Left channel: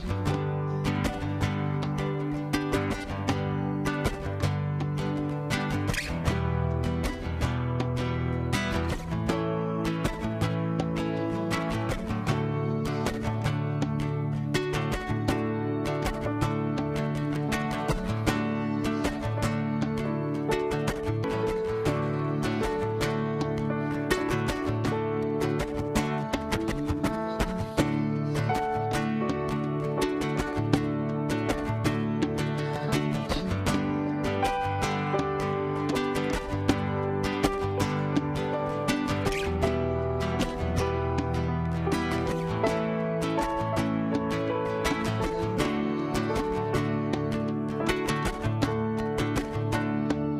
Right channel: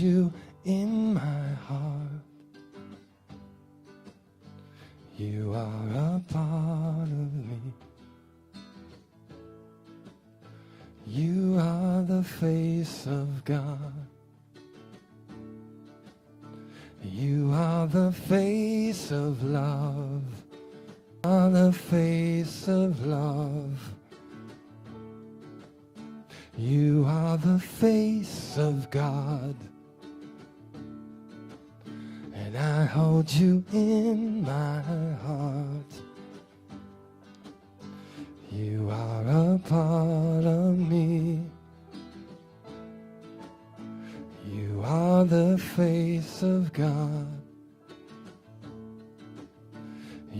you in my heart. You are my heart. You are the face of God. You are the face of love. You are the face of love. You are the face of God. And I hold you in my heart. You are a part of me. You are the face of God.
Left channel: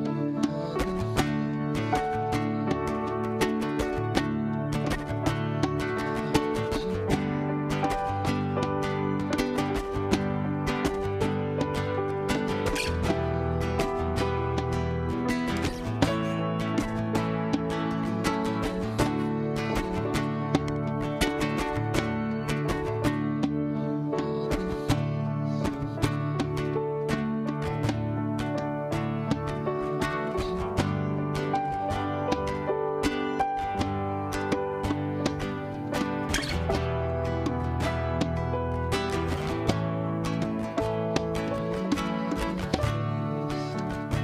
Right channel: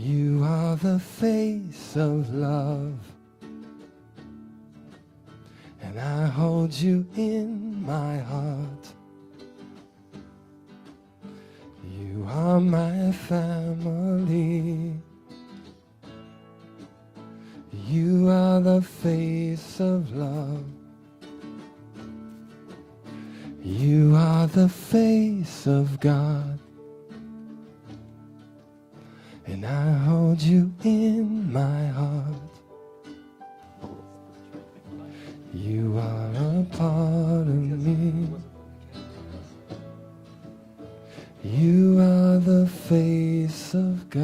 You are the face of love. And I hold you in my heart. You are my family. You are the face of love. You are the face of God. And I hold you in my heart. You are a part of me. You are the face of God.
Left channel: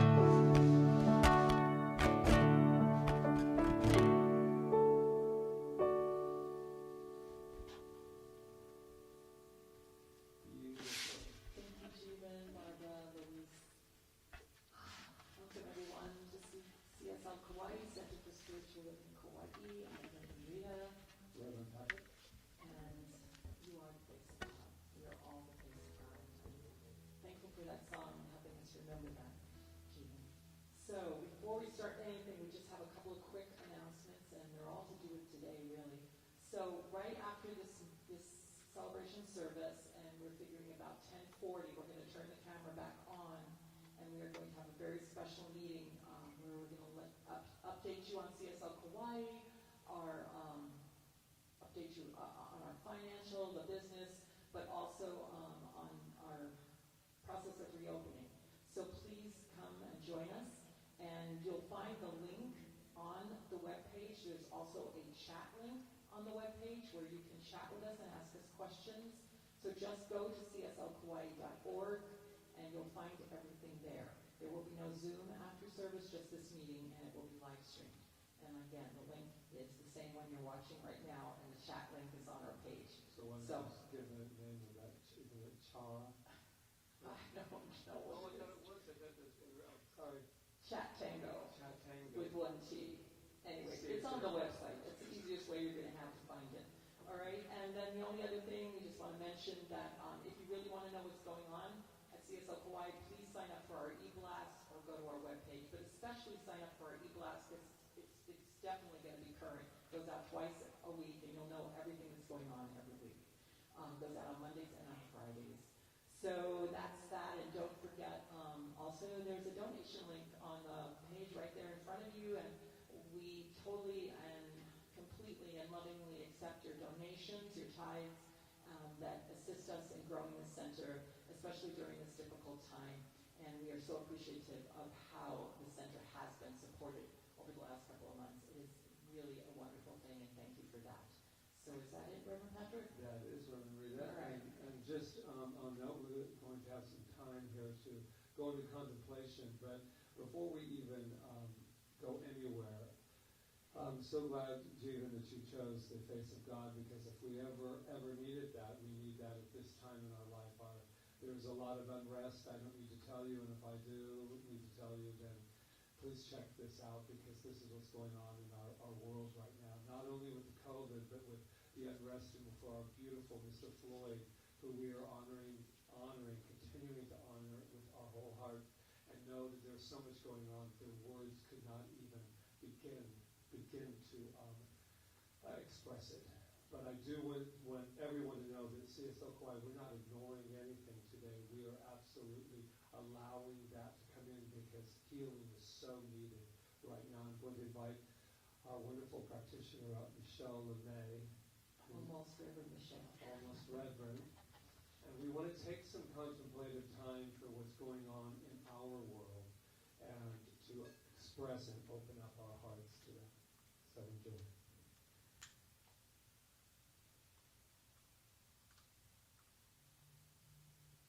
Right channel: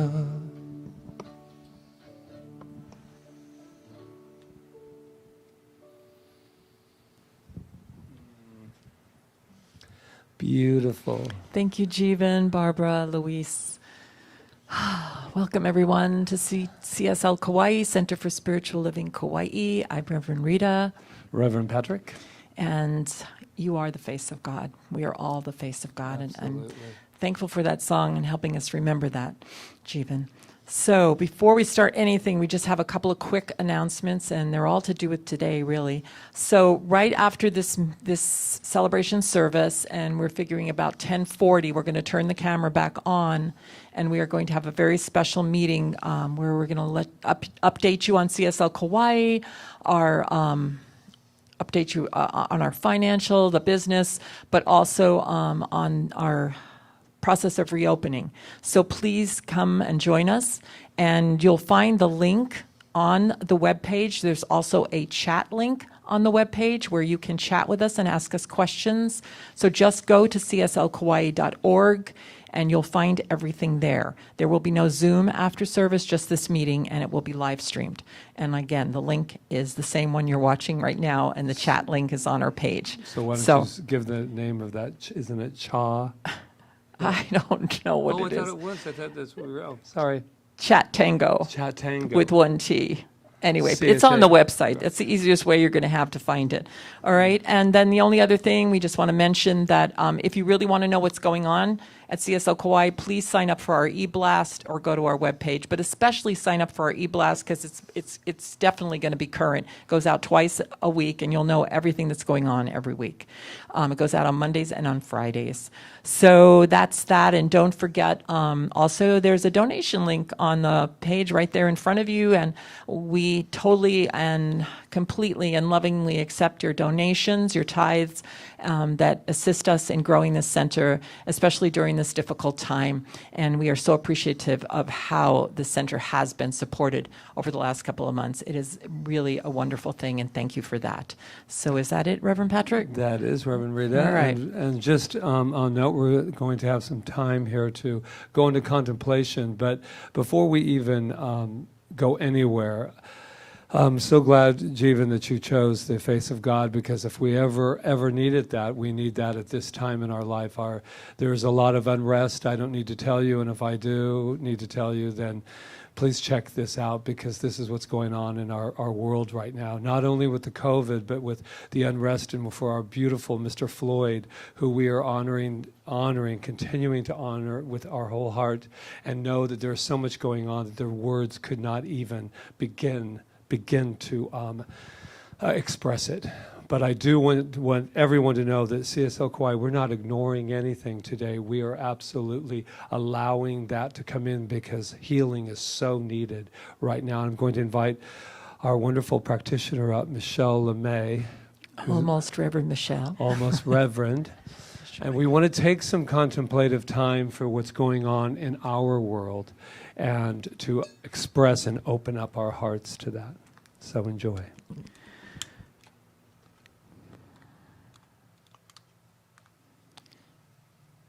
Beautiful. Thank you, Jeevan, Barbara, Luis. Welcome, everyone, to CSL Kauai, Center for Spiritual Living Kauai. I'm Reverend Rita, Reverend Patrick. and you are the face of God. We are all the face of God, and I'm Absolutely. thankful for that song and helping us remember that, Jeevan. So before we start anything, we just have a couple of quick announcements, and they're all to do with today, really. So right after this celebration service, and we're figuring about 10:40, we're going to turn the camera back on, and we are going to have a very special meeting where we're going to update you on CSL Kauai, update you on our financial, the business, but also on our process of reopening. So please come and join us, and you'll find the link on the webpage. There's also a chat link on the webpage where you can chat with us and ask us questions. So just go to cslkauai.org and you'll find everything there. There will be no Zoom after service, just this meeting, and it will be live streamed. And again, the link is the same one you're watching right now, and the chat link is on our page. So why don't you give the name of that? Isn't it Cha? I don't know what it is. I thought it was. I thought that's what we were. Oh, sorry. Chat Tango Chat Tango. with one T. Anyway, it's on the website. That's the easiest way you're going to have to find it. All right. And then the only other thing, we just want to mention that if you really want to know what's going on at CSL Kauai, please sign up for our e-blast or go to our webpage. But especially sign up for our e-blast because it's definitely going to be current. It goes out twice a week, and you'll know everything that's going on every week. It goes out on Mondays and on Fridays. So that's that. And don't forget, also there's a donation link on the page right there in front of you. And we totally and completely and lovingly accept your donations, your tithes that assist us in growing this center, especially during this difficult time. And we are so appreciative of how the center has been supported over the last couple of months. It is really a wonderful thing, and thank you for that. So is that it, Reverend Patrick? That is Reverend Rita. All right. And just on note, we're going to have some time here to go into contemplation. But before we even go anywhere, I'm so glad, Jeevan, that you chose the face of God, because if we ever needed that, we need that at this time in our life. There's a lot of unrest. I don't need to tell you, and if I do need to tell you, then please check this out, because this is what's going on in our world right now, not only with the COVID, but with the unrest, and for our beautiful Mr. Floyd, who we are honoring, continuing to honor with our whole heart, and know that there's so much going on that their words could not even begin to express it. But I do want everyone to know that CSL Kauai, we're not ignoring anything today. We are absolutely allowing that to come in, because healing is so needed right now. I'm going to invite our wonderful practitioner up, Michelle LeMay. Almost Reverend Michelle. Almost Reverend. And we want to take some contemplative time for what's going on in our world and to express and open up our hearts to that. So enjoy.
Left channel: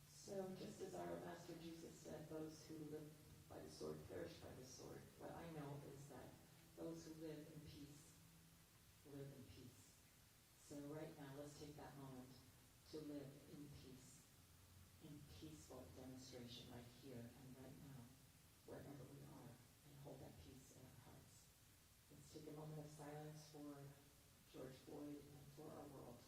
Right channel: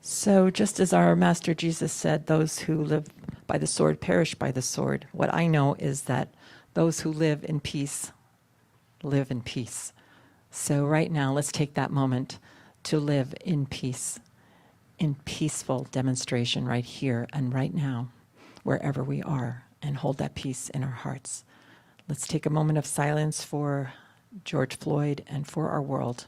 So just as our Master Jesus said, those who live by the sword perish by the sword. What I know is that those who live in peace live in peace. So right now, let's take that moment to live in peace, in peaceful demonstration right here and right now, wherever we are, and hold that peace in our hearts. Let's take a moment of silence for George Floyd and for our world.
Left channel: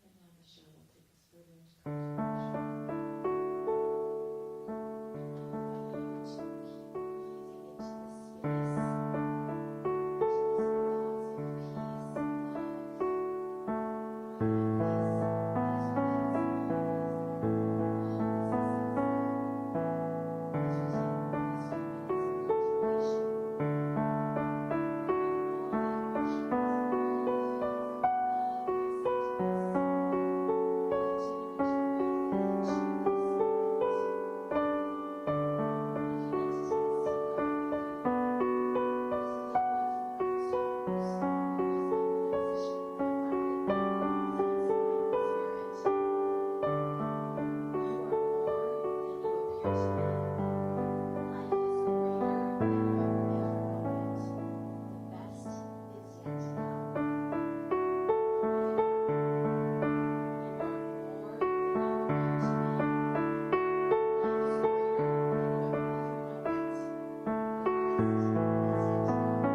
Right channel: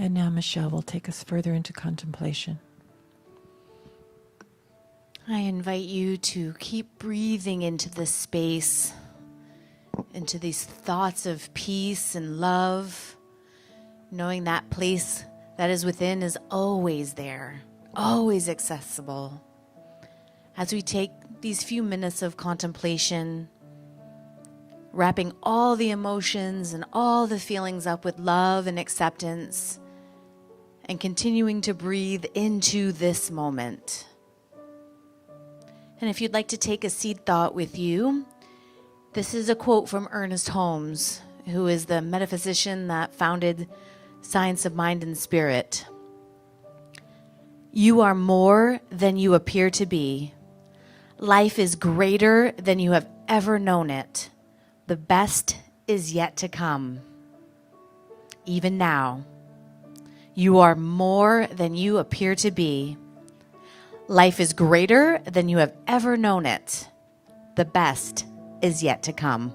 And now Michelle will take us further into contemplation. I invite you to keep breathing into this space, into these thoughts of peace and love, knowing that place that is within is always there, always accessible. As we take these few minutes of contemplation, wrapping all the emotions and all the feelings up with love and acceptance, and continuing to breathe into this moment. And if you'd like to take a seed thought with you, this is a quote from Ernest Holmes, who is the metaphysician that founded Science of Mind and Spirit. You are more than you appear to be. Life is greater than you have ever known it. The best is yet to come. Even now, you are more than you appear to be. Life is greater than you have ever known it. The best is yet to come.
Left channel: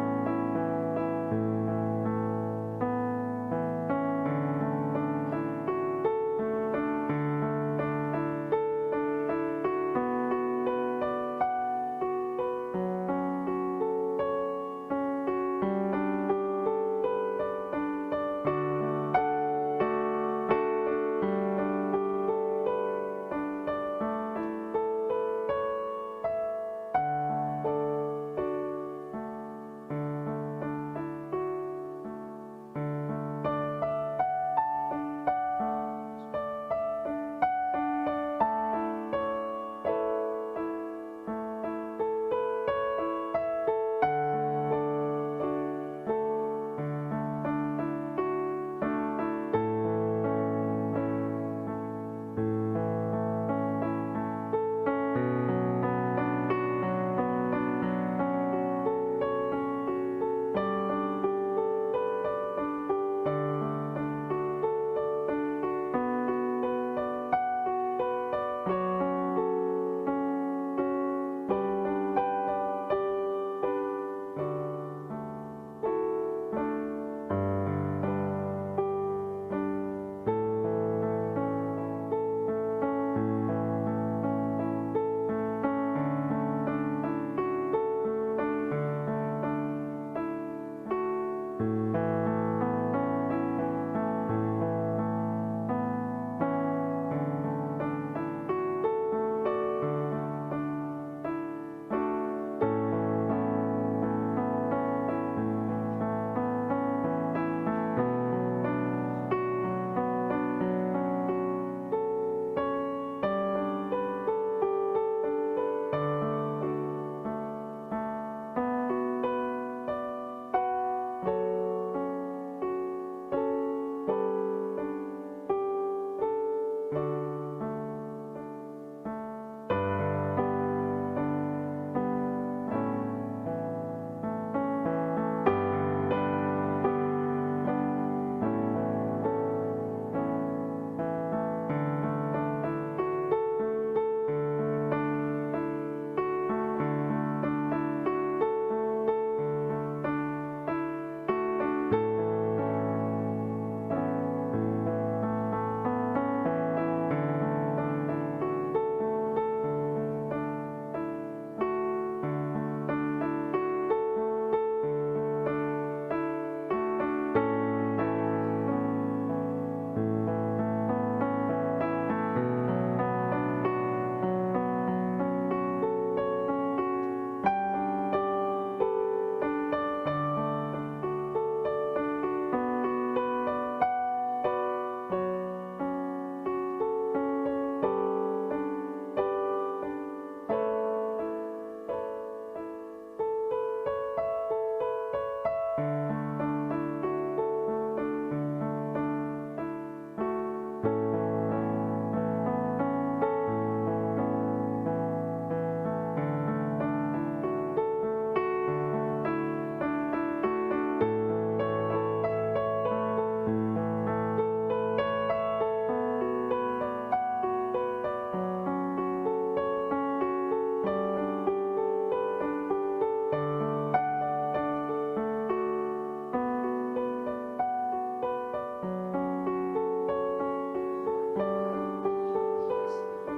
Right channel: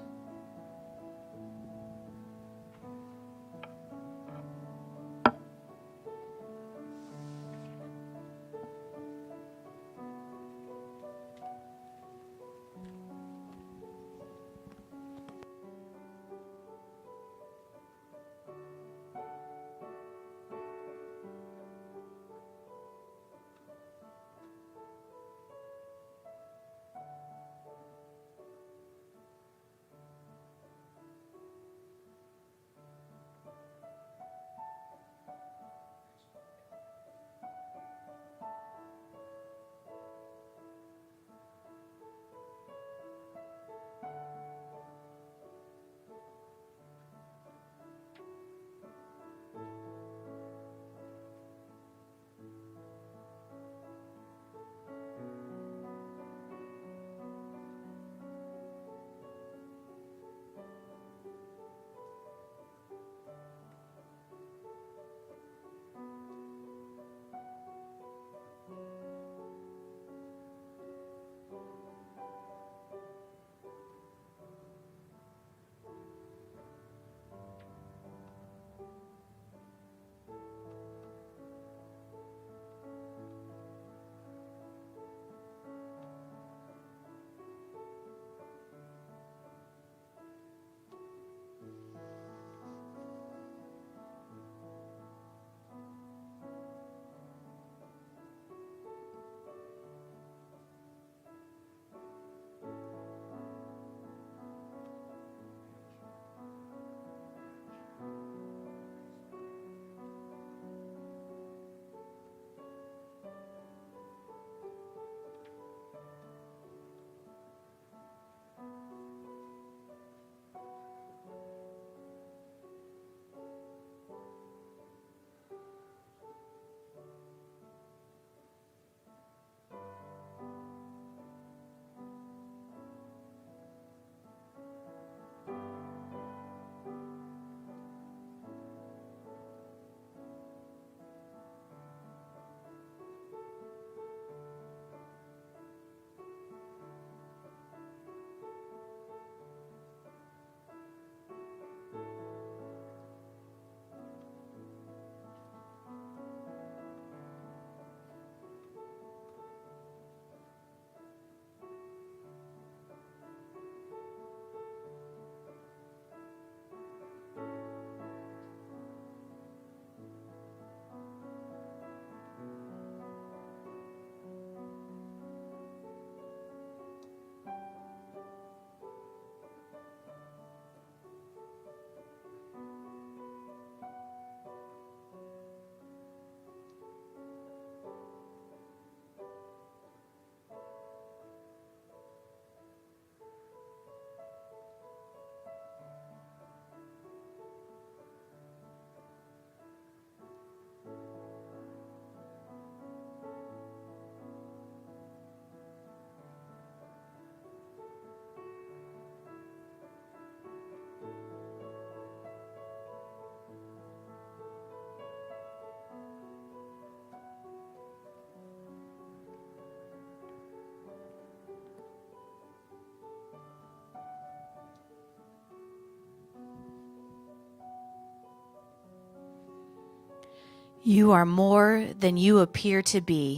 You are more than you appear to be.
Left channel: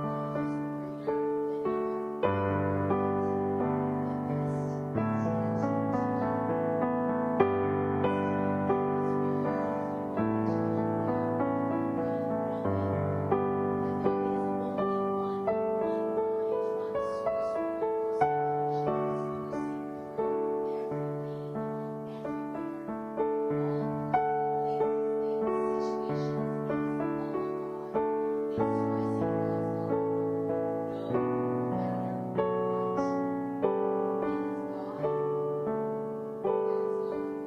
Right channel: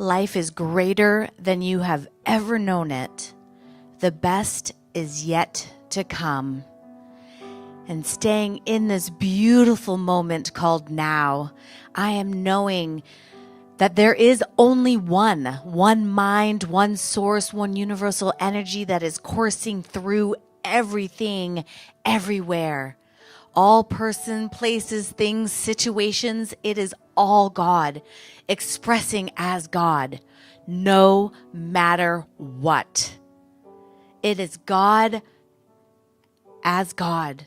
Life is greater than you have ever known it. The best is yet to come. And staying in this beautiful moment called now, I am knowing that there is only one mind, one source, one universal energy that is coursing through everything, everywhere. All person, places, things, situations, it is all God, expressing as God, no matter what. It is God as God.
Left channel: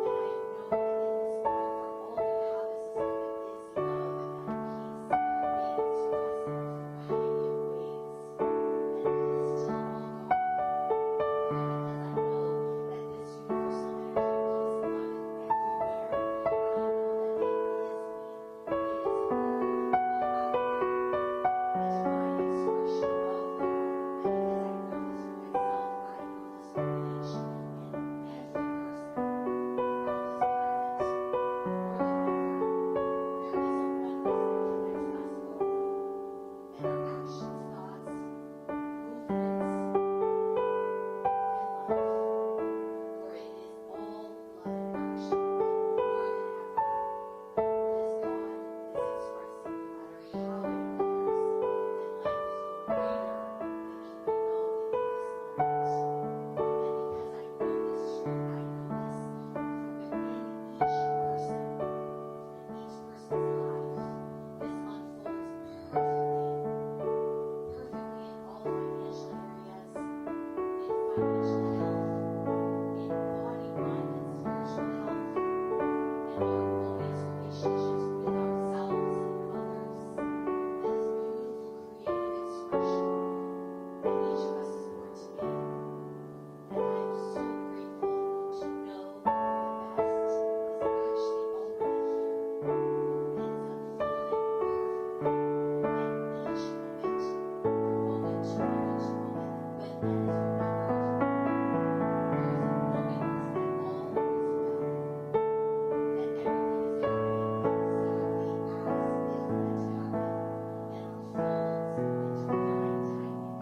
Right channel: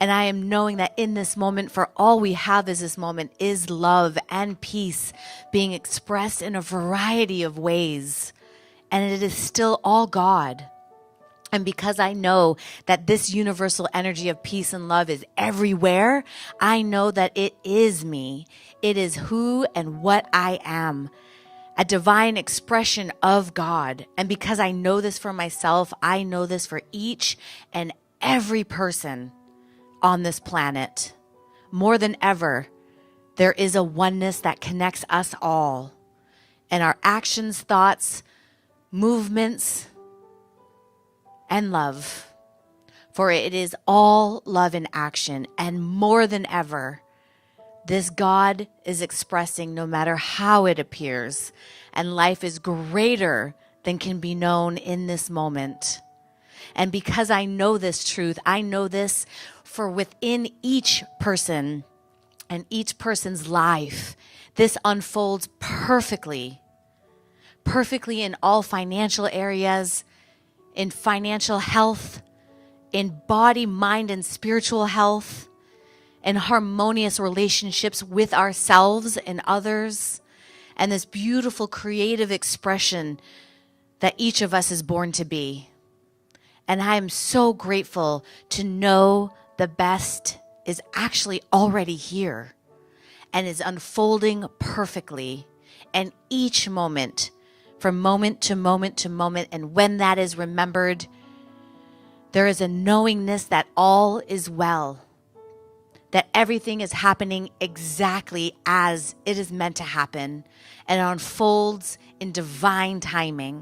And I am knowing that in this moment, for all we have is this moment, is love and peace being expressed in a variety of ways. And it is still all God. And because I know that this universal energy of peace and love is everywhere, I know that it is me. It is who and what I am, a divine expression of God. And because I know this for myself, I know this for each and every person on this planet. More than ever, there is a oneness that connects us all. And our actions, thoughts, movements, and love. For it is all love in action. And more than ever, this God is expressing no matter how it appears. And life is greater than can be known in this moment. And because I know this truth, I know this for within each person and each person's life, this unfolds perfectly in all financial areas, in financial health, in body, mind, and spiritual health, in harmonious relationships with ourselves and others, and this beautiful creative expression that each of us is born to be. And I am so grateful to know the best is actually already here and is unfolding perfectly. And each moment, from moment to moment to moment, and when that is remembered, there is a knowingness that all is well, that everything is happening exactly as it is meant to happen and unfolds in divine timing.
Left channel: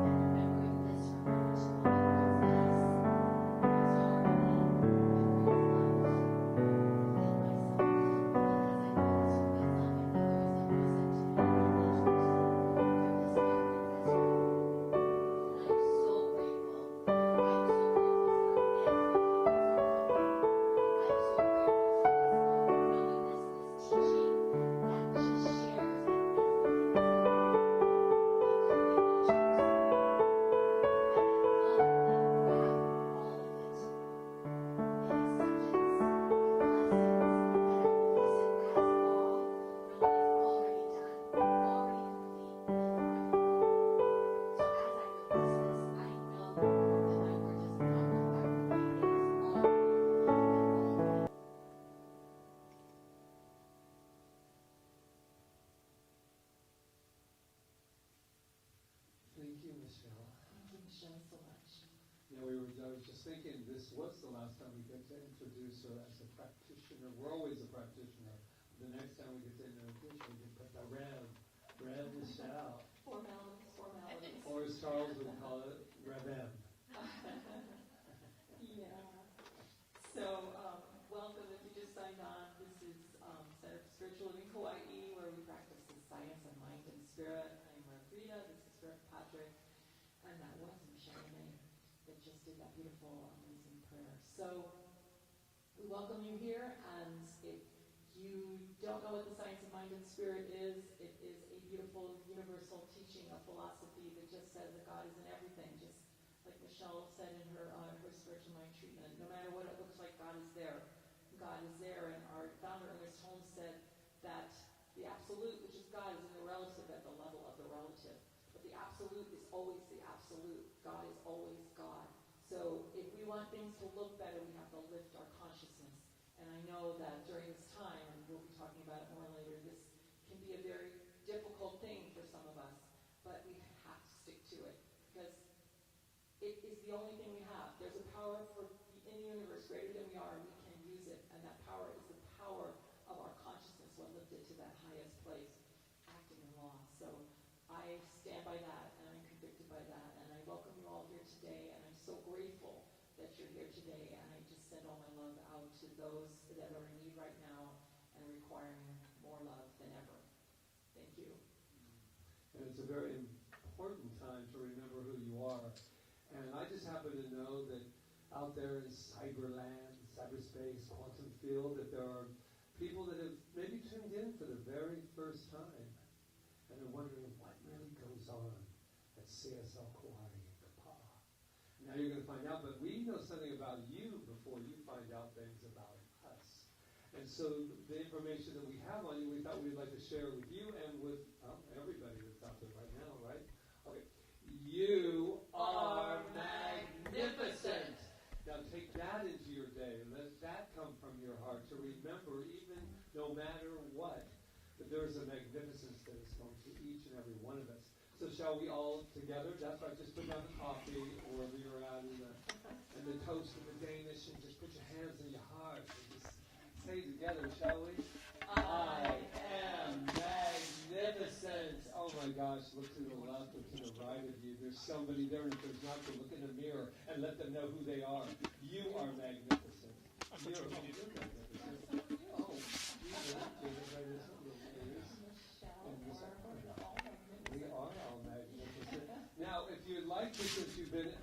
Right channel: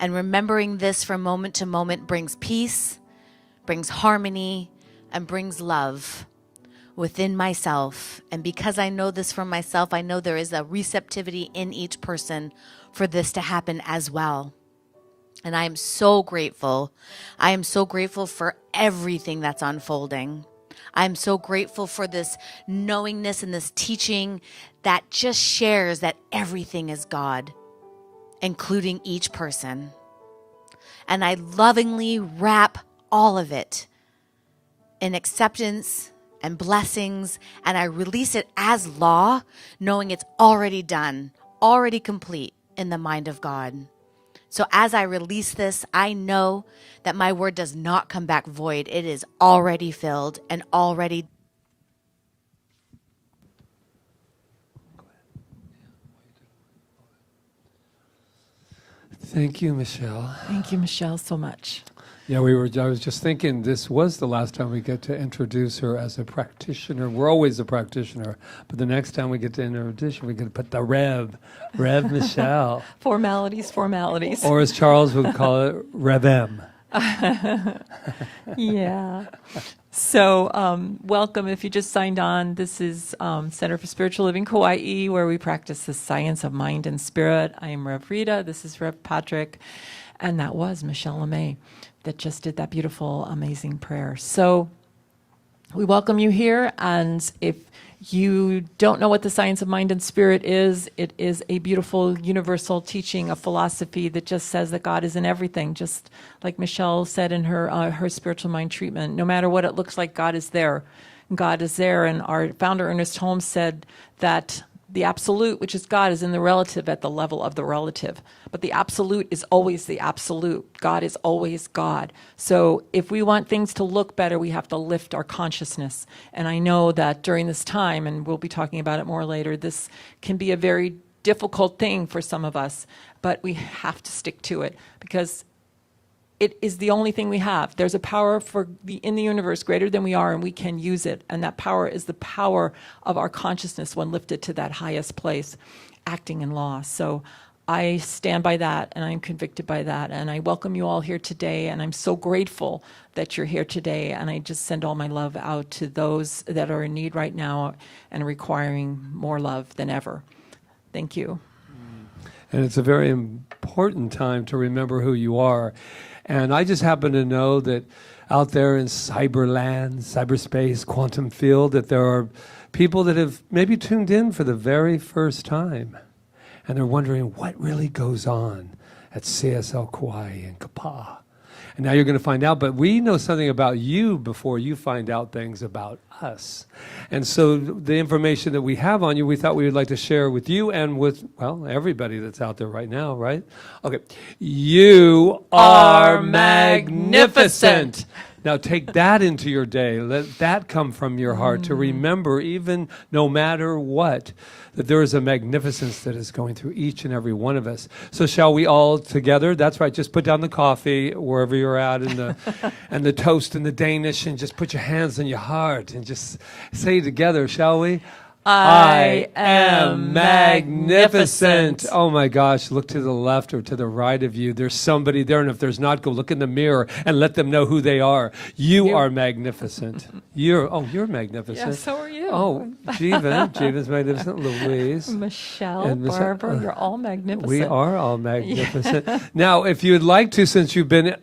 And remembering this from moment to moment brings peace, brings harmony, and brings love within myself. And because I know this from myself, I know there is a receptivity in each person for this to happen as well. And I am so grateful. I am so grateful for everything that's unfolding. I'm so grateful for this knowingness and this teaching that just shares that everything is God, including each person. And I lovingly wrap all of it in acceptance and blessings, and I release it as law, knowing it's already done, already complete in the mind of God. So as I release this, I know that my word does not come back void. It is already filled and already. Thank you, Michelle. Thank you, Michelle, so much. Yeah, I was just thinking this was the last time we get to introduce her as a practitioner. We're always a practitioner, but the next time we get to introduce her, we get to put the Rev Michelle. Formalities. Or as Charles would call it, Rev M. Yeah. So welcome if you just signed on. This is Center for Spiritual Living Kauai, where we practice the science of mind and spirit. I am Rev Rita. This is Rev Patrick. And that was Michelle LeMay that just did that beautiful, amazing prayer. So we welcome you here. And if you don't know what the science of mind and spirit is, it is a beautiful universal teaching, a philosophy that just says that God is in everything, just like Michelle said in her spiritual mind treatment. No matter what it looks like, God is there. God is there. And our founder, Ernest Holmes, said that the absolute, which is God, is in the relative at the level of the relative. But the absolute is always the absolute. God is always God. So if we want things to look better, we have to lift our consciousness. And I know that during this time, and we'll be talking about it more later, this can be a very difficult thing for some of us, but we have to stick to it because it is the only thing we have. There's a power in the universe greater than we are, and we can use it. And that power is the power of our consciousness when lifted to that highest place, acting in law. So I stand by that, and I'm convicted by that. And I welcome you all here today, and I'm so grateful that you're here today. And I just send all my love out to those that are in need right now and requiring more love than ever. Thank you. And it's a very important time to remember who you are. And I just happen to know that out there in cyberland, cyberspace, quantum field, that there are people that have maybe tuned in for the very first time. And they're wondering what really goes on at CSL Kauai and Kauai. And now you're going to find out, but we know something about you before you find out things about us. And so the information that we have on you, we thought we would like to share with you and with, well, everybody that's out there right now, right? Okay. You are magnificent. Now take that into your day. Let that come from your heart to remember, even no matter what, that there is a magnificence that is going through each and every one of us. So shall we all together? That's right. Just put down the coffee wherever you're at, and the toast and the Danish, and just put your hands on your heart and just say together, shall we? I am magnificent. Oh my gosh, look to the left or to the right of you. There's somebody there, and if there's not, go look in the mirror and let them know who they are. You are magnificent. You're magnificent. Yeah, so are you. Oh, Jeevan's magnificent. Louise. Michelle, And Barbara, you're all magnificent. We are all magnificent. Now, if you would like to, since you've been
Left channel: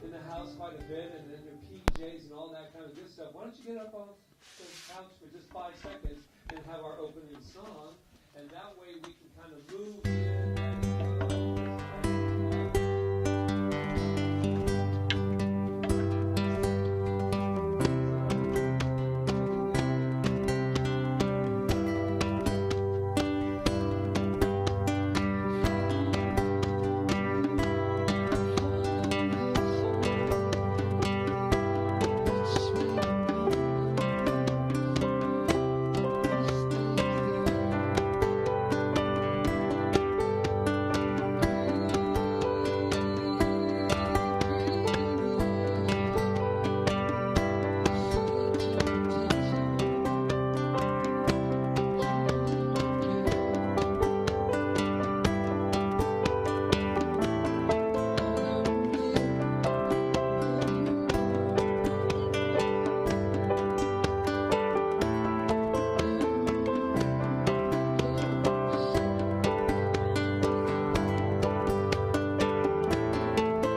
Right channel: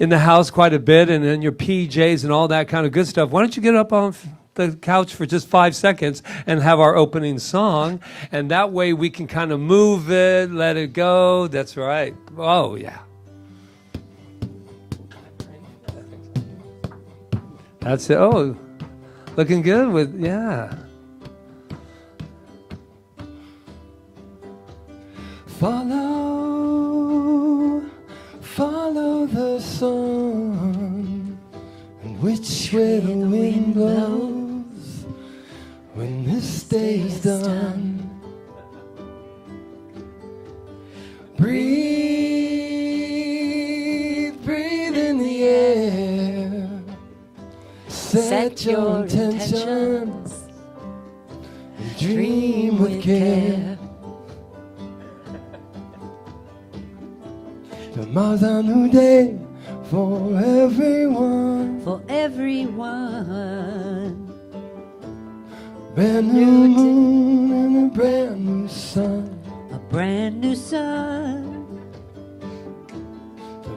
in the house quite a bit and in your PJs and all that kind of good stuff, why don't you get up on the couch for just 5 seconds and have our opening song, and that way we can kind of move it, let it go. That's right. Oh yeah, that's it. Oh, looking good with, yeah. Follow the song, which way the wind blows. Day's done. Breathe in the air. Set your intentions. Dream with care. Tomorrow's a new day for everyone. For everyone. Brand new moon, brand new sun. A brand new sun.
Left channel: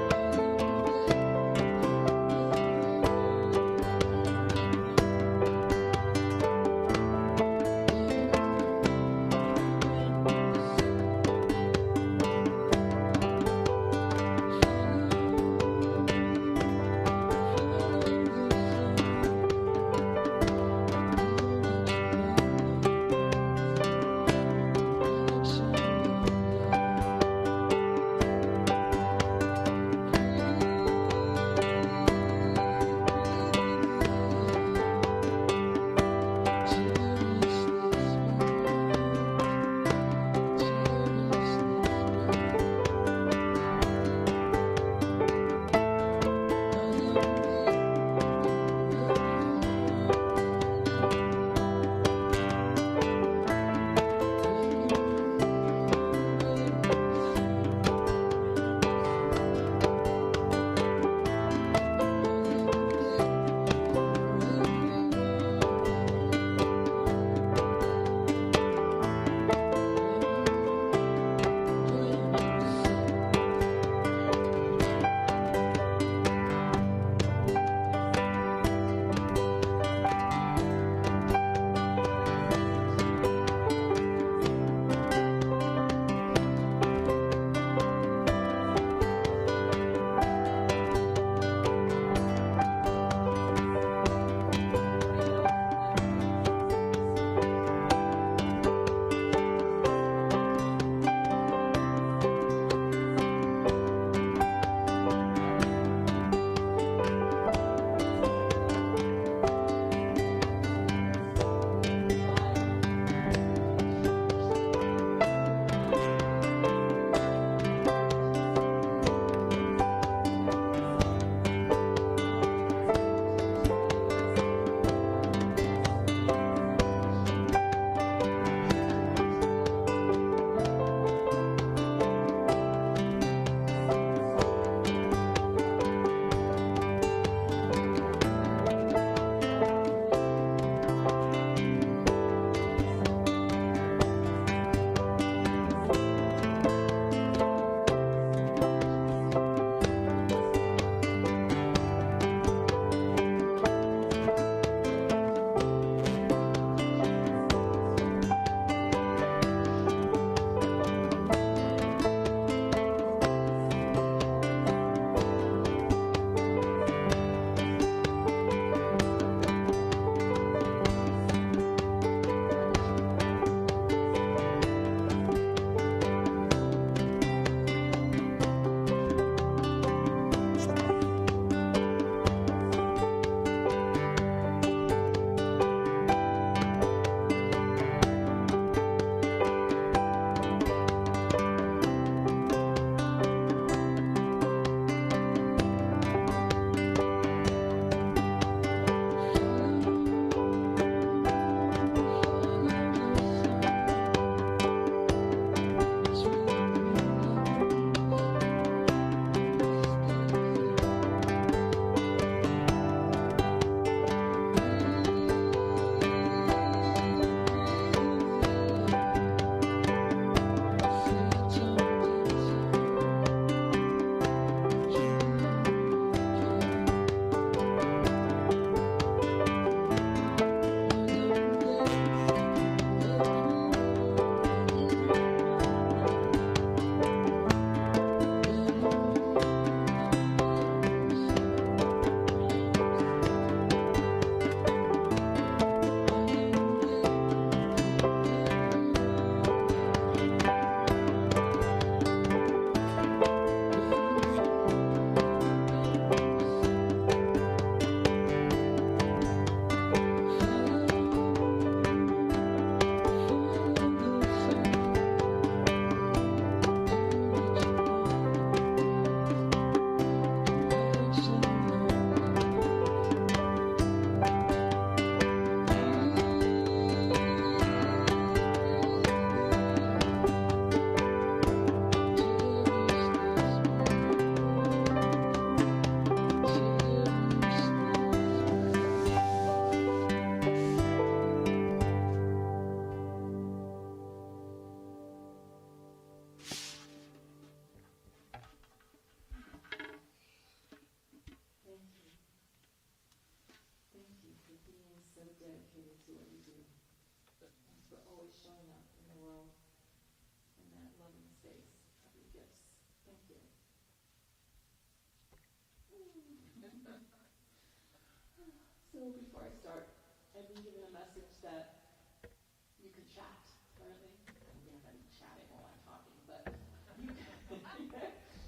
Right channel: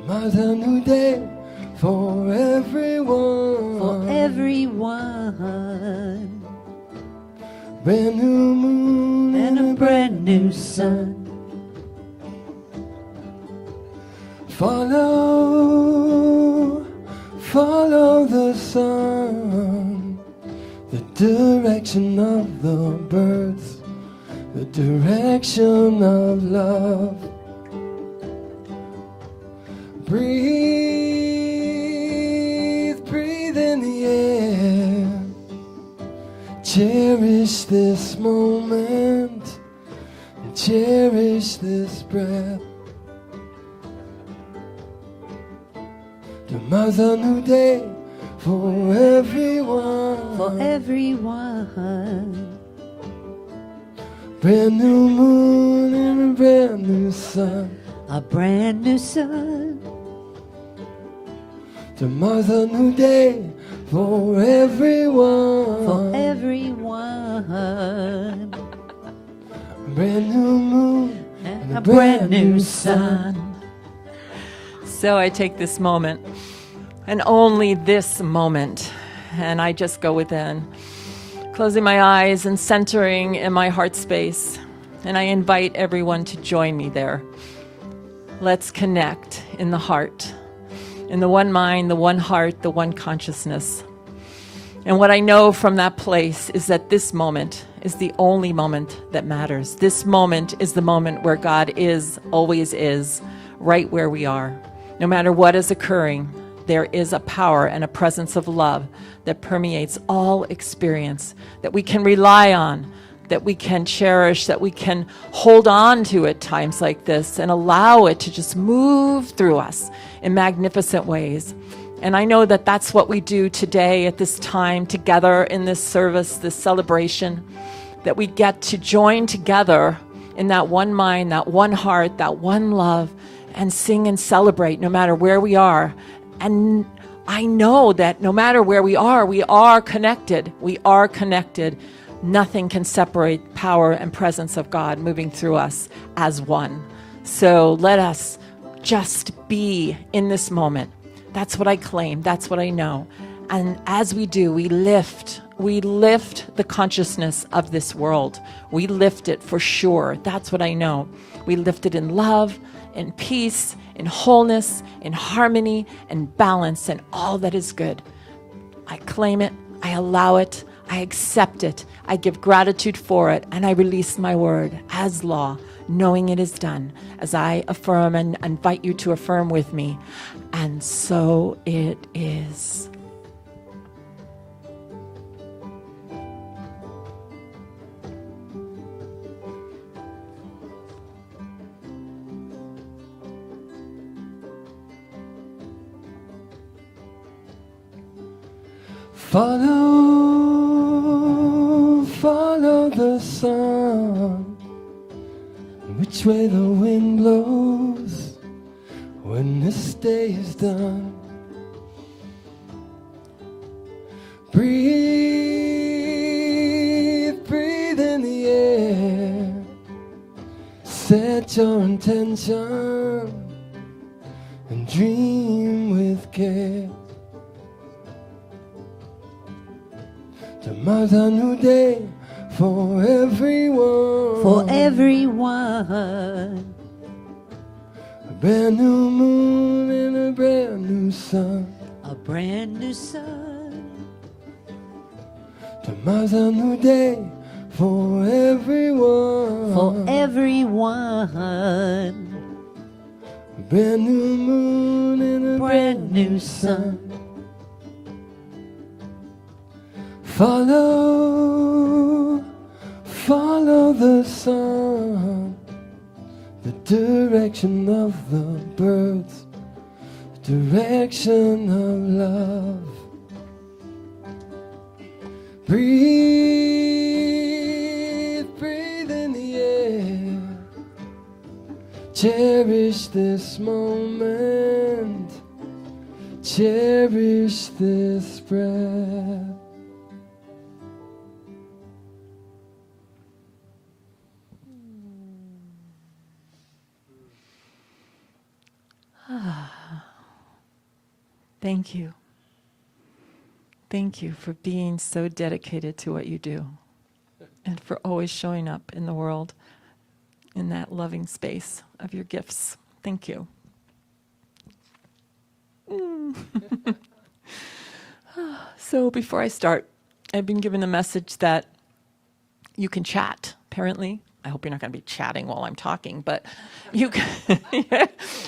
Tomorrow's a new day for everyone. For everyone. Brand new moon And a brand new sun. Follow the sun, the direction of the birds, the direction of love. Breathe in the air. Cherish this moment, cherish this breath. Tomorrow's a new day for everyone. For everyone. Brand new moon and a brand new sun. A brand new sun. Tomorrow's a new day for everyone. For everyone. Brand new moon And a brand new sun. So I take this moment, and only this moment, and I just go within, closing my eyes and centering in my heart space, and I invite everyone to join me there. Let's connect in the heart, in the one mind, the one heart, the one consciousness. And what I know from that place is that this moment is the only moment that matters. This moment is the moment where God is, always is, right where we are. No matter what is occurring, there is a power and a presence of love that permeates all experience that we can rely on that we can cherish, that we can hold on to at times like this and allow it to just move through us in magnificent ways. And I know that that's what we do today at this time together in this service, this celebration, that we get to join together in that one mind, that one heart, that one love, and sing and celebrate no matter where we are. And I know that no matter where we are connected. We are connected. Nothing can separate power and presence of God moving through us as one. So let us just be in this moment. That's what I claim. That's what I know. And as we do, we lift the consciousness of this world. We lift it for sure. That's what I know. We lift it in love, in peace, in wholeness, in harmony, and balance, and all that is good. I claim it. I allow it. I accept it. I give gratitude for it, and I release my word as law, knowing it is done, as I affirm and invite you to affirm with me. And so it is. Follow the sun, which way the wind blows when this day is done. Breathe in the air, set your intention, and dream with care. Tomorrow's a new day for everyone. For everyone. A brand new moon and a brand new sun. A brand new sun. Tomorrow's a new day for everyone. For everyone. A brand new moon and a Brand new sun. Follow the sun, the direction of the birds, the direction of love. Breathe in the air. Cherish this moment, cherish this breath. Thank you. Thank you for being so dedicated to what you do and for always showing up in the world in that loving space of your gifts. Thank you. So before I start, I've been given the message that you can chat, apparently. I hope you're not going to be chatting while I'm talking, but you can,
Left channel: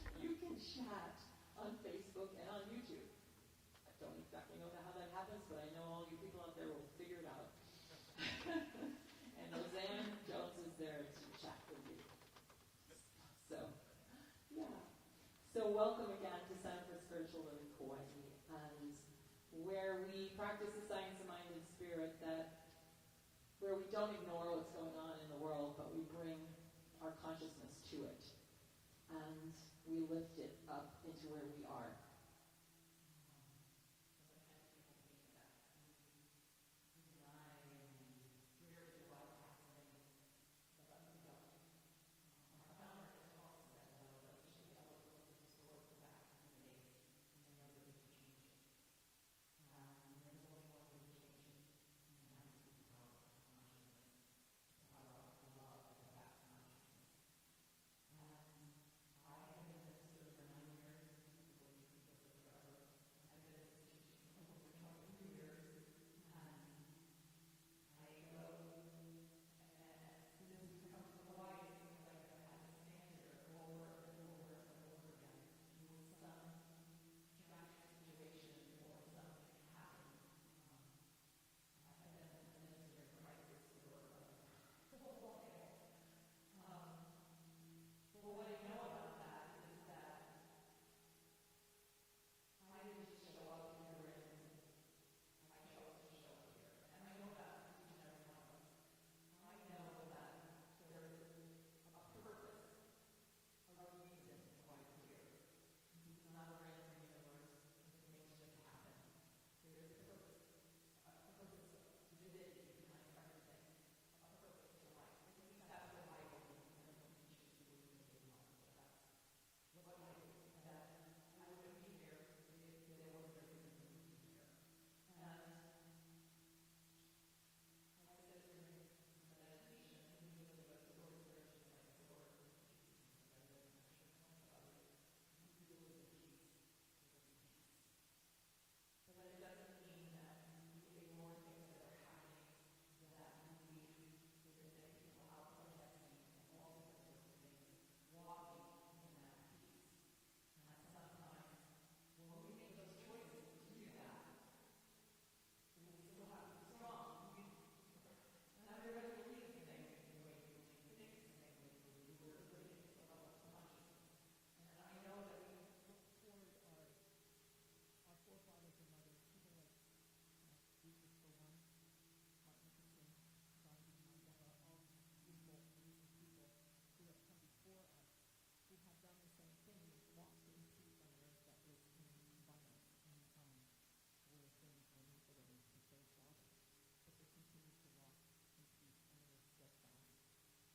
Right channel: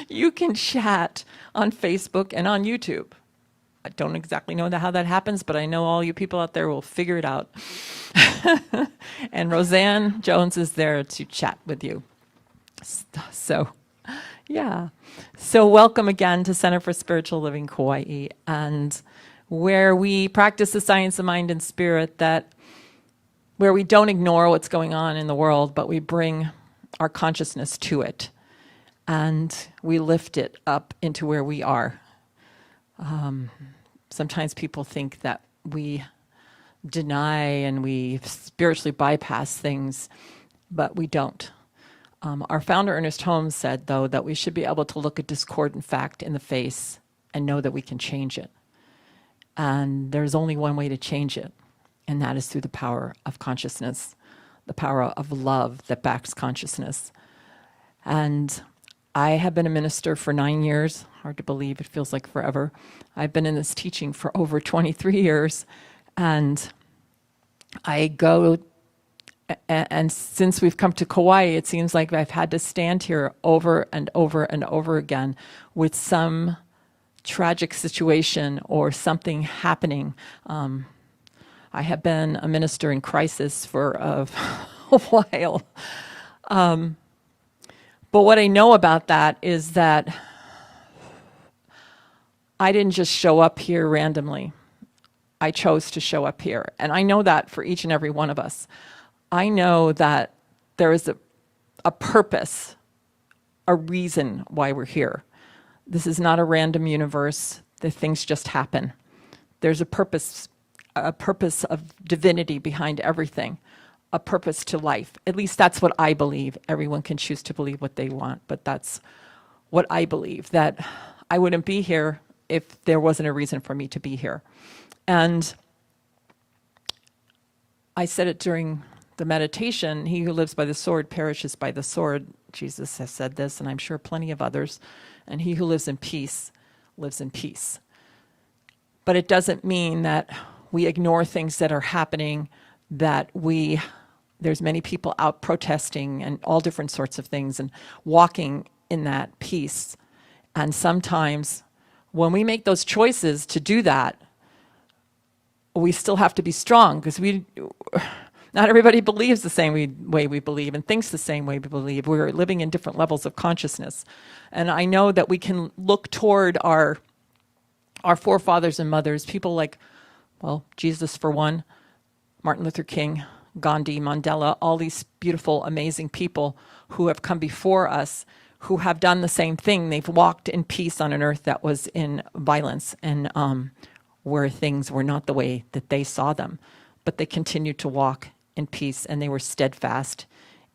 you can chat on Facebook and on YouTube. I don't exactly know how that happens, but I know all you people out there will figure it out. And Roseanne Jones is there to chat with you. So, yeah. So welcome again to Center for Spiritual Living Kauai, and where we practice the science of mind and spirit, that where we don't ignore what's going on in the world, but we bring our consciousness to it, and we lift it up into where we are. Sometimes people think that we deny and we spiritually bypass things, but we don't. Our founder, Ernest Holmes, said, though, that we should be able to look a discordant fact in the face and know that we can change it. And there's only one way to change it, and that is through the power of consciousness, the power of love that backs consciousness. And I have been a minister for 9 years. Hard to believe, it feels like forever. I've been in this teaching for over 23 years, and I go, and since we've come to Kauai, it seems like I've had to stand here over and over and over again with some tragic situation or something happening. I have been a minister in crisis for a while. But what I know about that is that I didn't just show up here randomly. I chose to show up here. And I know that for each and every one of us. I know that there is a purpose, a reason why we're here. This is not a random universe that things just happen. There's a purpose of divinity behind everything, a purpose to life. At least that's what I believe. Everyone can choose to believe what they want, but that's what I believe, that I wouldn't be here if there wasn't a reason for me to be here. And I said it during the meditation, he who lives by the sword perishes by the sword. Jesus has said this, and I'm sure plenty of others. And he who lives in peace lives in peace. But it doesn't mean that we ignore things that are happening, that there's many people out protesting and all different sorts of things and walking in that peace. And sometimes when we make those choices to do that, we still have to be strong, because not everybody believes the same way we believe and thinks the same way we believe. We're living in different levels of consciousness. And I know that we can look toward our forefathers and mothers, people like, well, Jesus for one, Martin Luther King, Gandhi, Mandela, all these beautiful, amazing people who have come before us, who have done the same thing. They've walked in peace on an earth that was in violence and where things were not the way that they saw them. But they continued to walk in peace, and they were steadfast.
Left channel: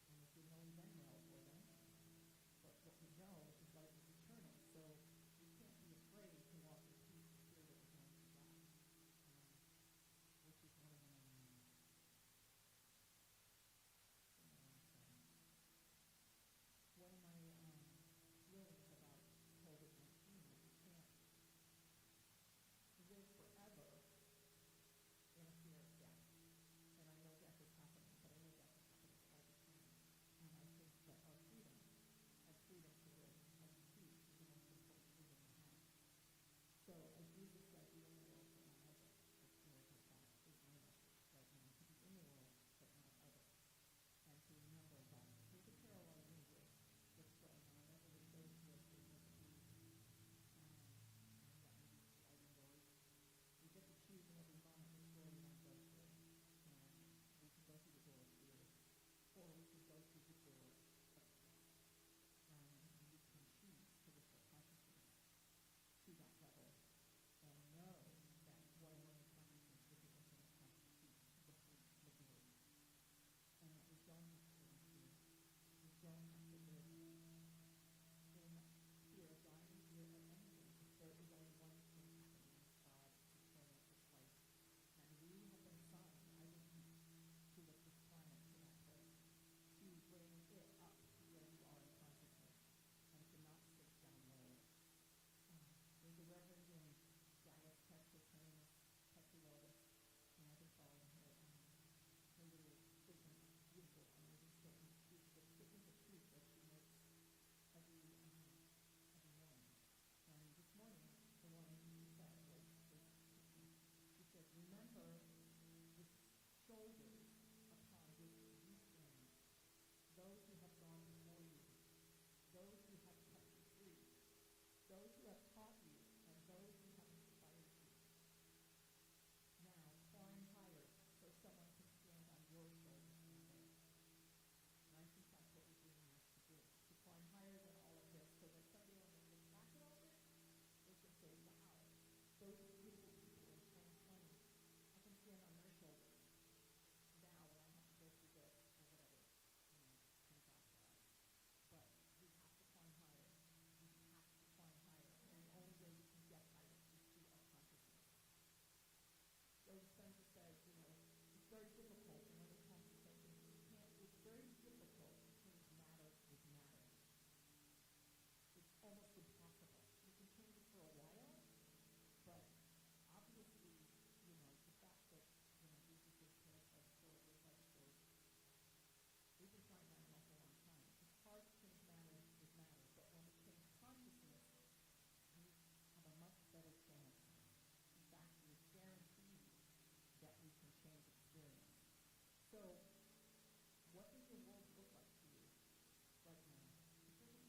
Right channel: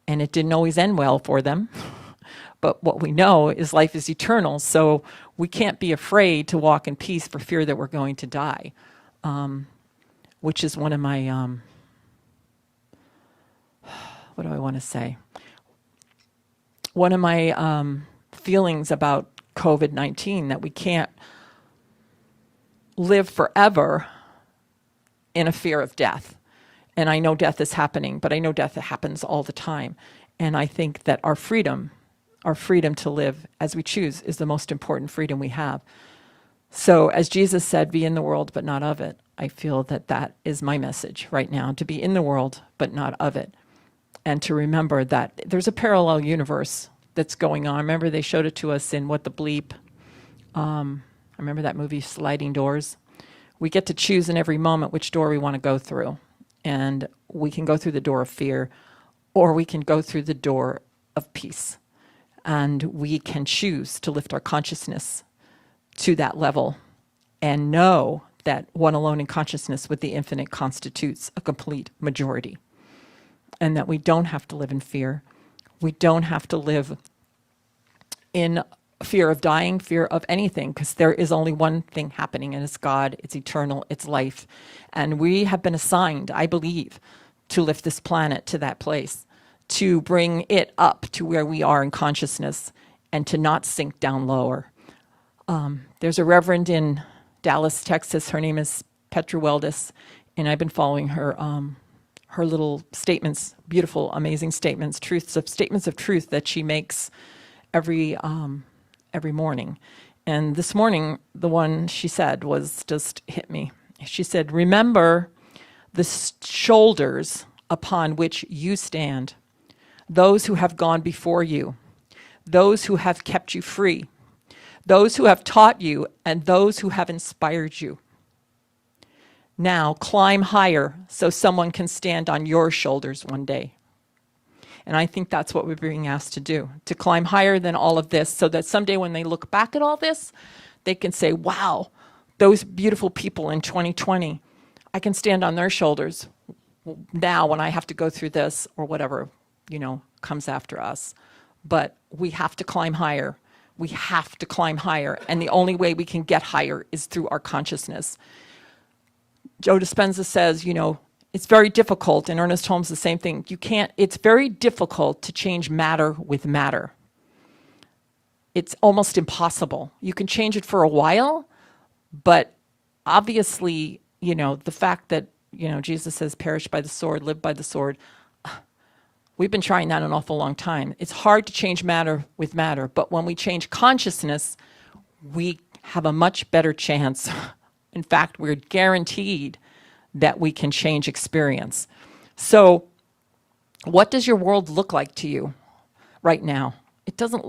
And it didn't always end well for them. But what we know is life is eternal, so we can't be afraid to walk in peace for fear that we're going to die, which is one of my, what do I want to say? One of my feelings about COVID-19, that we can't live forever in a fear of death. And I know death is happening, but I know death happens all the time. And I think that our freedom to live as we choose, is the most important freedom we have. So as Jesus said, be in the world, but not of it. I feel that that is my message right now, to be in the world, but not of it. And to remember that there's a parallel universe that's going on. Remember, they showed it to us in What the Bleep. I remember that movie, Sliding Doors. We get to choose in every moment which door we want to go through. And we can go through the door of fear, or we can go through the door of peace. And we can choose to lift our consciousness to that level and know that one alone in consciousness with the infinite constitutes a complete majority. And that we don't have to live in fear. We don't have to live in fear of dying, fear of anything, because there is only one thing happening, and it's God, it's eternal, it's life. And we have been assigned, I believe, to lift this planet to that place, to bring it up to where we are in consciousness and to not sink down lower. There's a reverend in Dallas, Texas. Her name is Petra Weldes, and I've been following her little statements, beautiful, amazing statements, statements of truth that she makes every morning. And this morning, the one she said was just hit me. She said, remember the shoulders upon which you stand, those who have gone before you, those who have kept you free, those who have taught you, and those who have inspired you. Now climb higher so someone can stand on your shoulders one day. And I think that's what we're being asked to do, to climb higher than all of this, so that someday when they look back at all this, they can say, wow, those beautiful people in 2020, I can stand on their shoulders now when I have to go through this or whatever, comes after us. But we have to climb higher. We have to climb higher. And the only way we can get higher is through our consciousness. Joe Dispenza says, it's very difficult, and Ernest Holmes the same thing. It's very difficult to change matter with matter. It's almost impossible. You can change it for a while, but obviously, the fact that, Jesus says, perish by the sword, live by the sword. We've been trying that an awful long time. It's hard to change matter with matter, but when we change consciousness, we have a much better chance. In fact, we're guaranteed that we can change experience. So What does your world look like to you right now? It doesn't,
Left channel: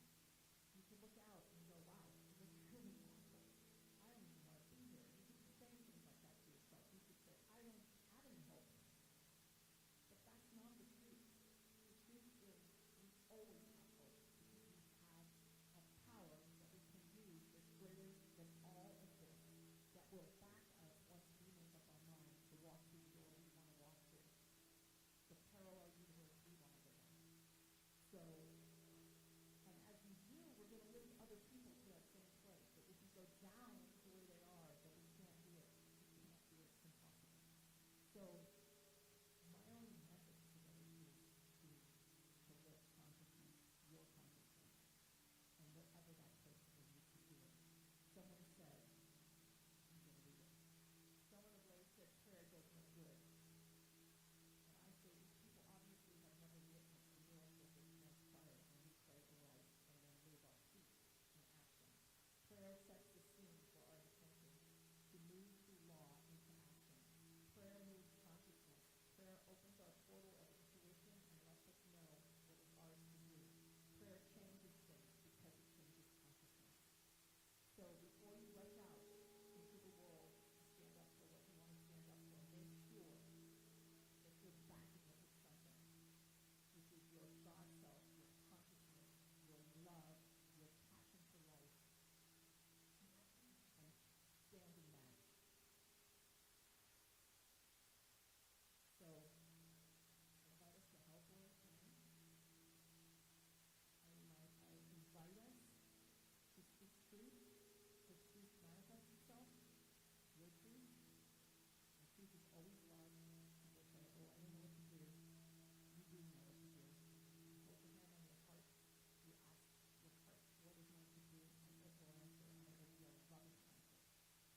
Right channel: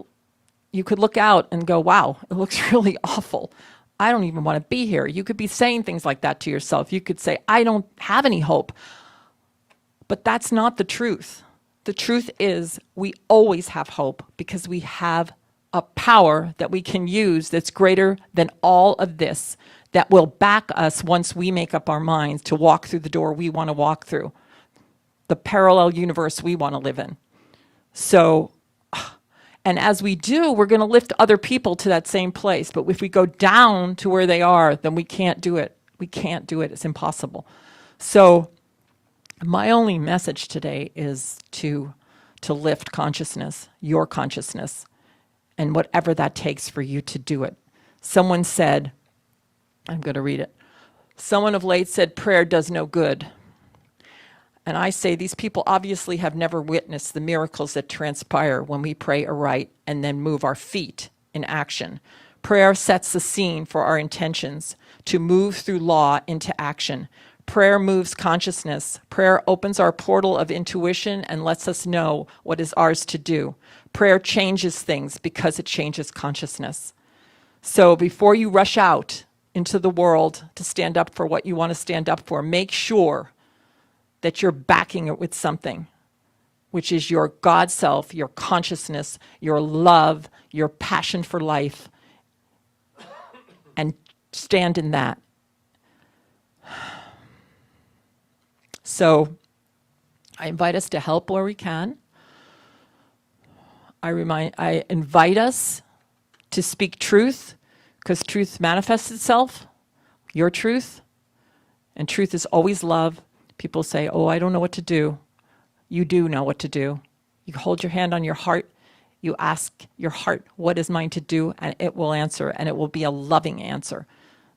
you could look out and go, wow, it looks really awful. I don't even want to be here. You could be saying things like that to yourself. You could say, I don't have any hope. But that's not the truth. The truth is we always have hope because we have a power that we can use that's greater than all of this, that will back us once we make up our minds to walk through the door we want to walk through, the parallel universe we want to live in. So, and as we do, we're going to lift other people to that same place. But if we go down to where they are, then we can't do it. We can't do it. It's impossible. So my only message today is to lift consciousness, your consciousness, and whatever that takes for you to do it. Someone said, I'm going to read it. Someone of late said prayer does no good. And I say these people obviously have never witnessed the miracles that transpire when we pray aright and then move our feet in action. Prayer sets the scene for our intentions to move through law into action. Prayer moves consciousness. Prayer opens our portal of intuition and lets us know what is ours to do. Prayer changes things because it changes consciousness. So before you rush out into the world to stand up for what you want to stand up for, make sure that you're backing it with something, which is your God self, your consciousness, your love, your passion for life, and stand in that. So I invite us to help where we can. I invite us to speak truth, because truth manifests itself, your truth, and truth is always love. People say, oh, I don't know what to do. You do know what to do. You hold your hand on your heart, you ask your heart, what is mine to do? And it will answer, and it will be a loving answer.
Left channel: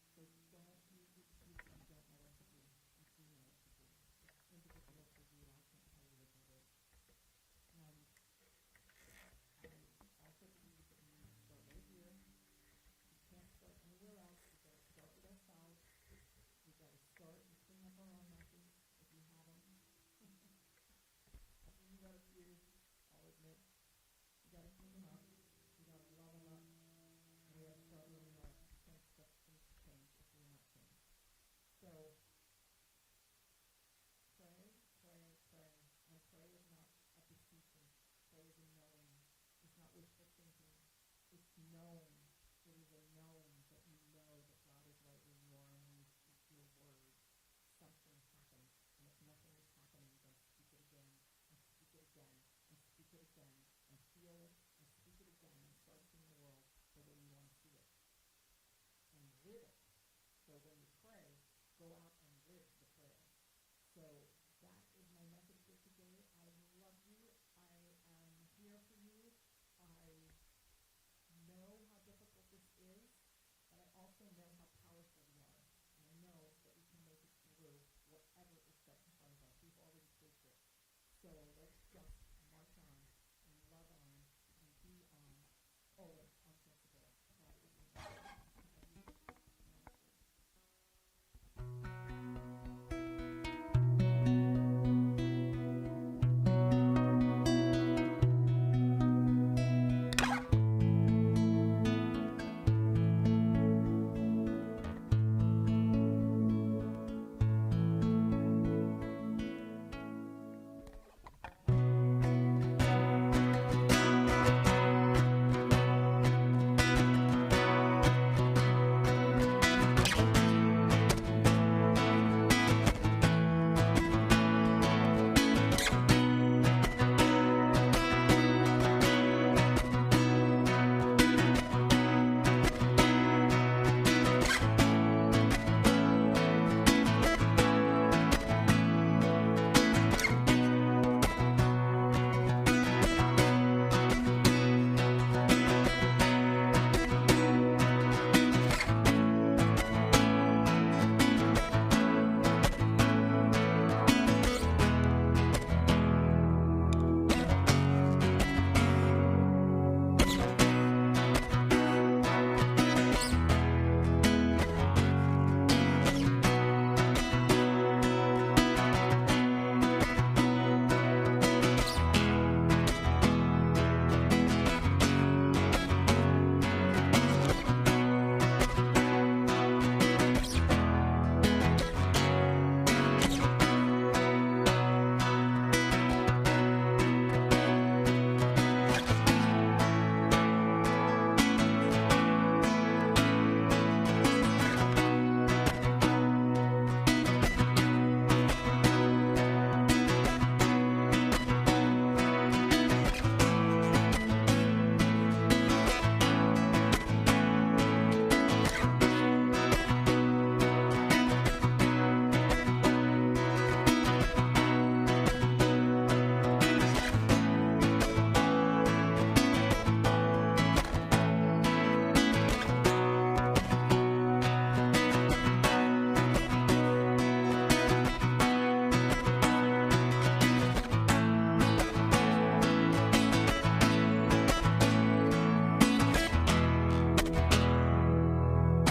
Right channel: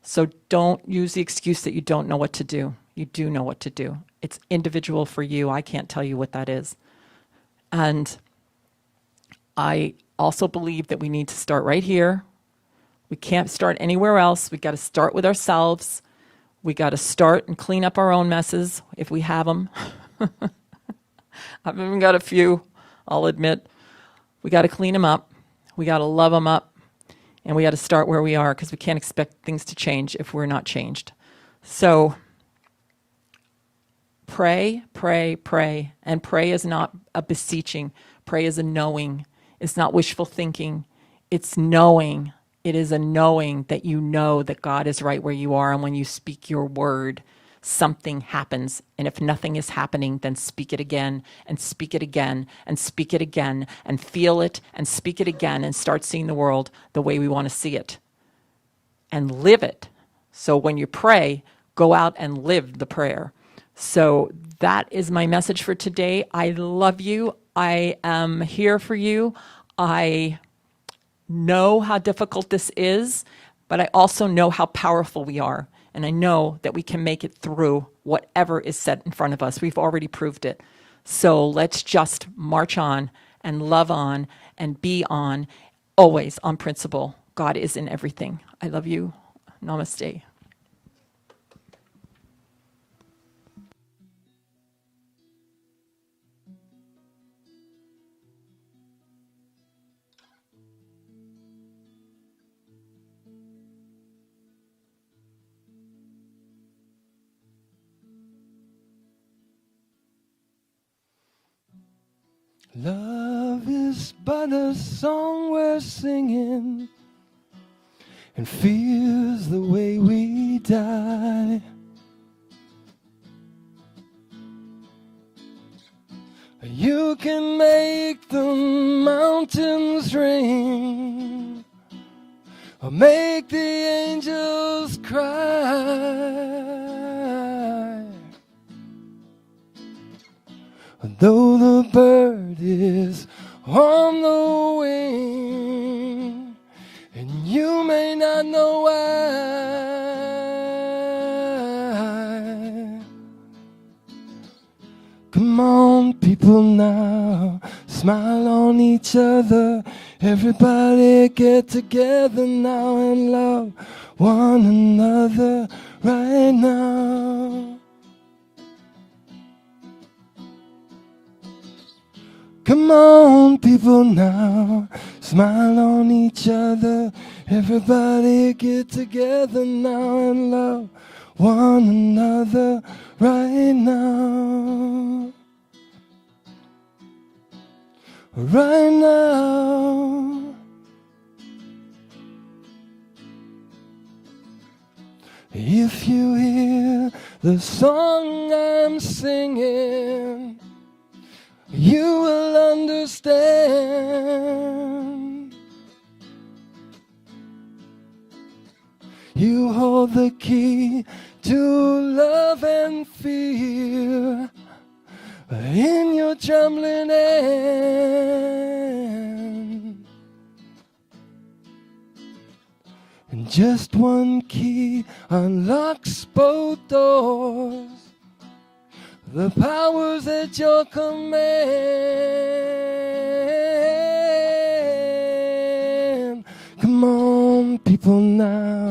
So don't use the excuse that you don't know what to do. You do know what to do. It's individual for you. I can't tell you what that is. And I also believe that we need to start right here. We can't start anywhere else. We got to start with ourselves. We got to start and clean up our own messes if we have them. I've even got a few, I'll admit. We got to clean them up. We got to love them up. And we got to start where we are, because we can't expect things to change if we're not changed. So pray, pray, pray. And pray is not a beseeching. Pray is a knowing. It's not wishful thinking. It's knowing. It is a knowing that you know that God is right where you are. And when you speak your word, something happens. And if nothing is happening, then speak it again and speak it again and speak it again and feel it and speak it again and start seeing the world the way we want to see it and live it. So when you pray, go out and live the prayer. So that is my message for today. I love you. I am here for you. I know how difficult this is, but I also know how powerful we are. And I know that we can make it through whatever is set in front of us. We've already proved it. So let's just march on and love on and be on, always on principle. God is in everything. I love you. Namaste. Love is but a song we're singing. It feels the way we die. You can make the mountains rain, or make the angels cry. Though the bird is on the wing, you may not know why. Come on, people, now smile on each other. Everybody get together now and love one another right now. Come on, people now, smile on each other. Everybody get together now and love one another right now. Right now. If you hear the song I'm singing, you will understand. You hold the key to love and fear in your trembling hand. Just one key unlocks both doors. The powers at your command. Come on, people now,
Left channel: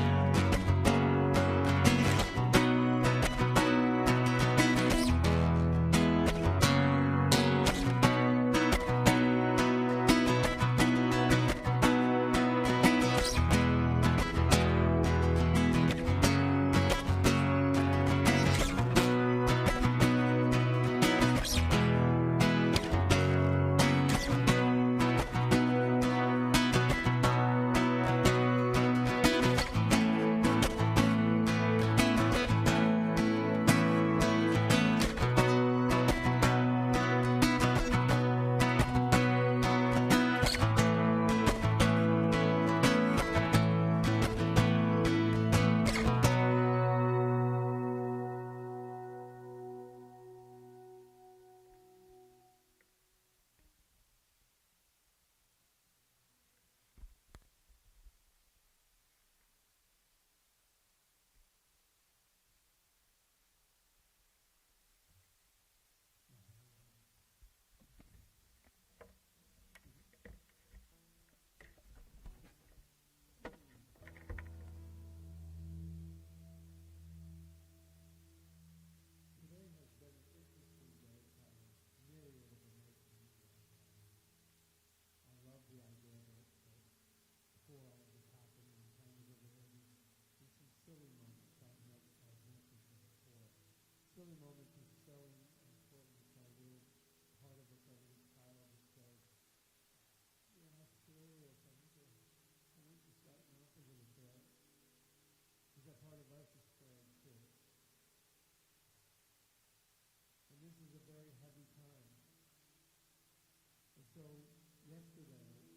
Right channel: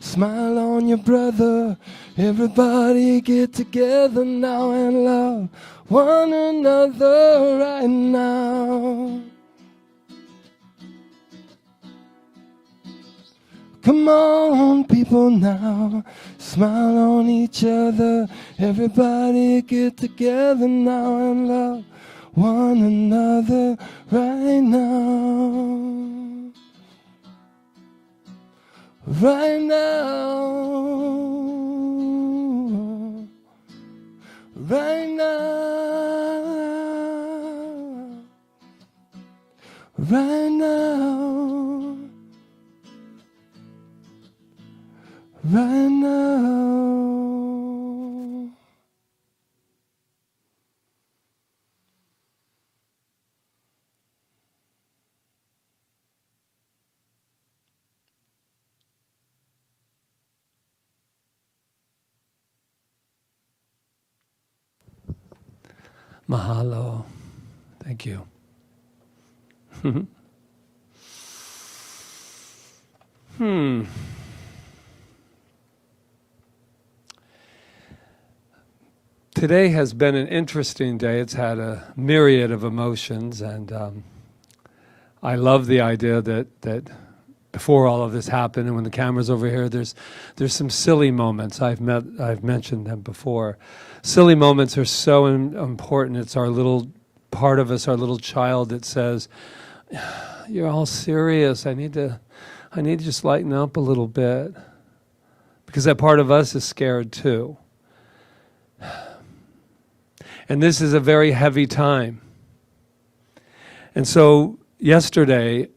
smile on your brother. Everybody get together now and love one another right now. Come on, people now, smile on each other. Everybody get together now and love one another right now. Right now. Right now. Right now. Right now. Mahalo. Thank you. Today has been an interesting day. It's had a myriad of emotions, and I love the idea that before all of this happened, and when the camera's over here, there's some silly moments. I've mentioned them before. Silly moments are so important. It's our little part of us, our little child that says, "You're all serious. I need to just lighten up a little bit," because that part of us is scared too. And this is a very heavy time. And so yesterday,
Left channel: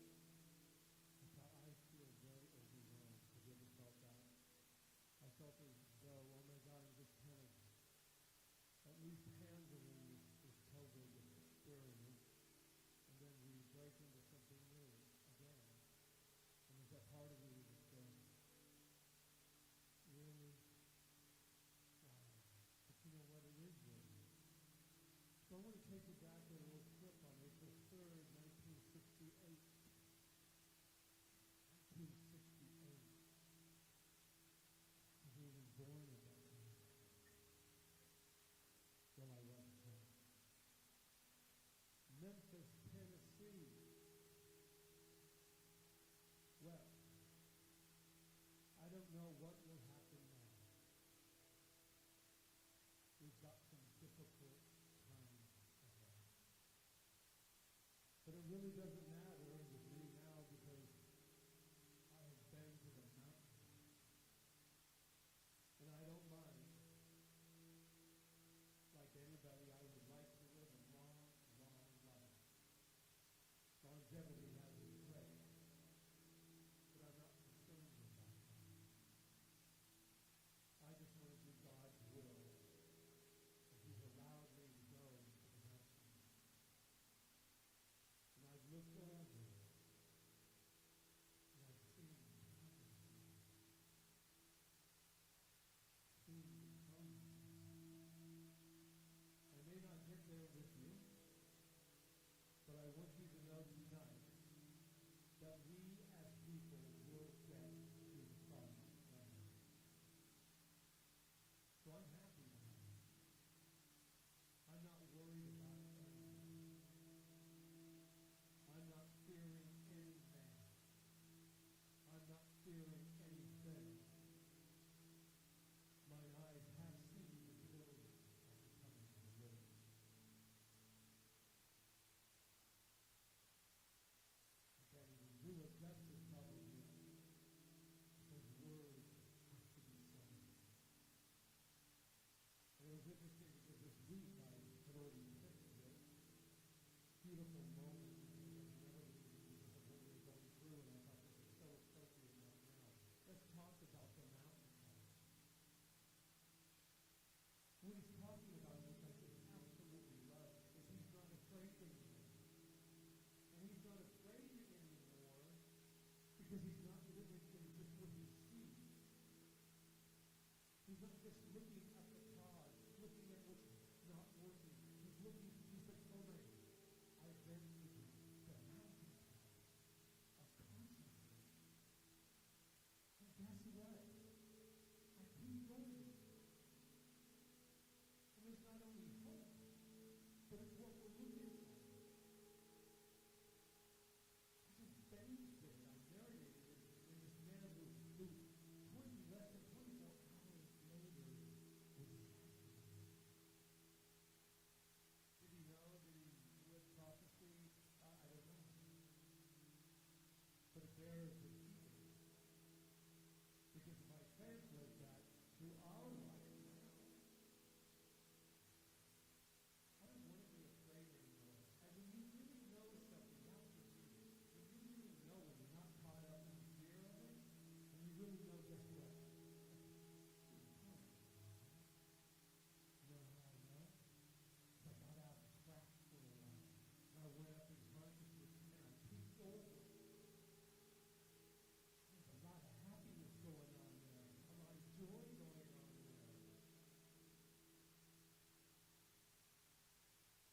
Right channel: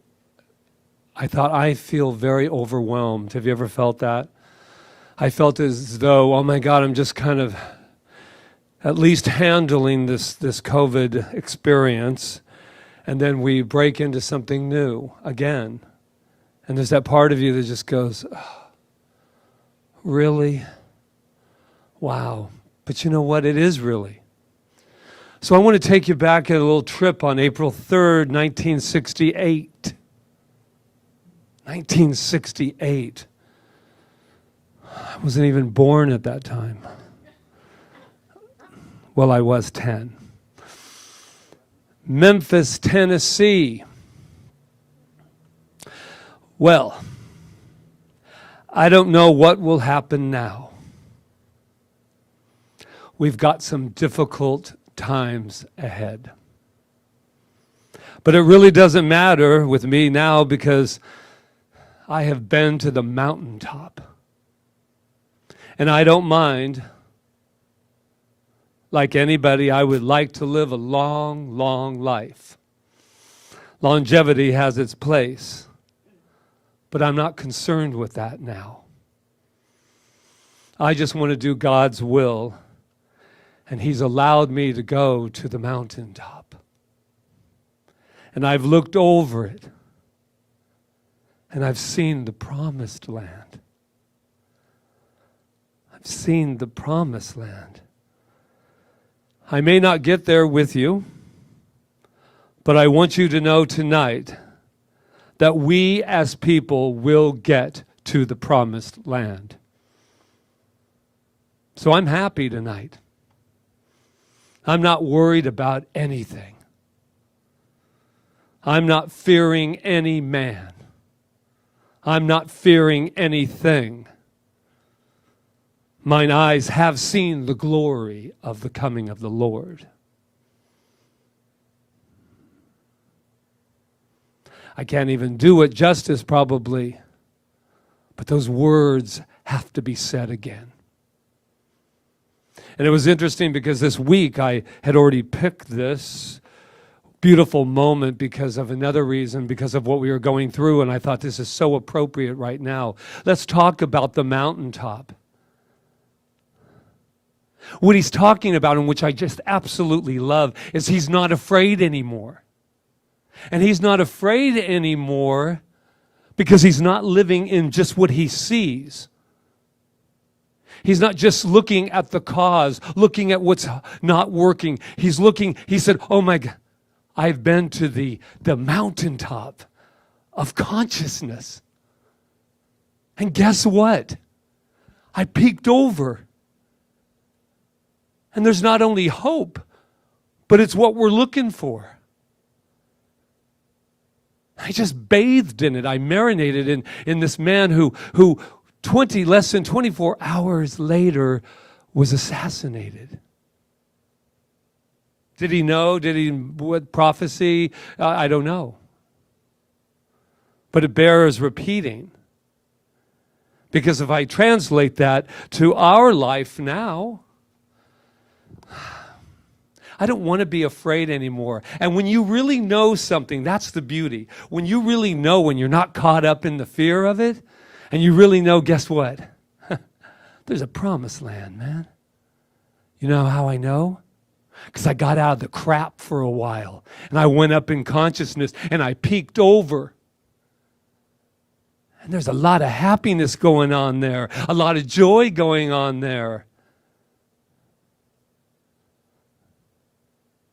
I thought, I feel very overwhelmed. Have you ever felt that? I felt as though, oh my God, I'm just kind of at least handling this COVID experience, and then we break into something new again. And there's that part of you that just goes, oh, really? Wow. But you know what? It is really. So I want to take you back at a little trip on April 3rd, 1968. 1968. I wasn't even born at that time. Well, I was 10. Memphis, Tennessee. Well, I don't know what will happen now. We've got some difficult times ahead. But it really doesn't matter with me now because I have been to the mountaintop. And I don't mind. Like anybody, I would like to live a long, long life. Longevity has its place, but I'm not concerned with that now. I just want to do God's will, and He's allowed me to go to the mountaintop. And I've looked over it, and I've seen the promised land. I've seen the promised land. I may not get there with you, but I want you to know tonight that we as people will get to the promised land. So I'm happy tonight. I'm not worried about anything. I'm not fearing any man. I'm not fearing anything. Mine eyes have seen the glory of the coming of the Lord. I can't even do it justice probably, but those words have to be said again. And it was interesting because this week I had already picked this beautiful moment because of another reason, because of what we were going through, and I thought this is so appropriate right now. Let's talk about the mountaintop. What he's talking about, and which I just absolutely love, is he's not afraid anymore. And he's not afraid anymore because he's not living in just what he sees. He's not just looking at the cause, looking at what's not working. He's looking, he said, oh my God, I've been to the mountaintop of consciousness. And guess what? I peeked over. And there's not only hope, but it's what we're looking for. I just bathed in it. I marinated in this man who less than 24 hours later was assassinated. Did he know? What prophecy? I don't know. But it bears repeating. Because if I translate that to our life now, I don't want to be afraid anymore. And when you really know something, that's the beauty. When you really know, when you're not caught up in the fear of it, and you really know, guess what? There's a promised land, man. You know how I know? Because I got out of the crap for a while, and I went up in consciousness, and I peeked over. And there's a lot of happiness going on there, a lot of joy going on there.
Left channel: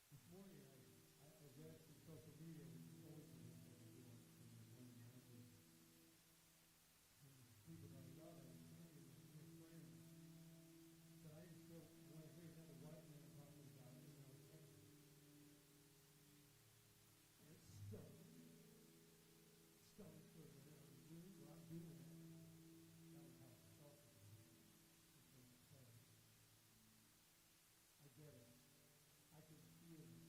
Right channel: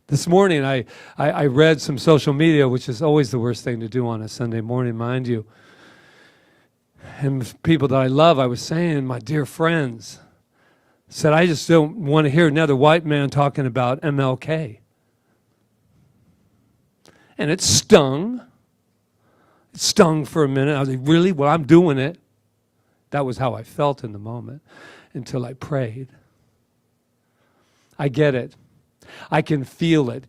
This morning, I read some social media, which is always the worst thing to do on a Sunday morning, mind you. And people that I love, I was saying, my dear friends, said, I just don't want to hear another white man talking about MLK. And it stung. It stung for a minute. I was like, really? Well, I'm doing it. That was how I felt in the moment until I prayed. I get it. I can feel it.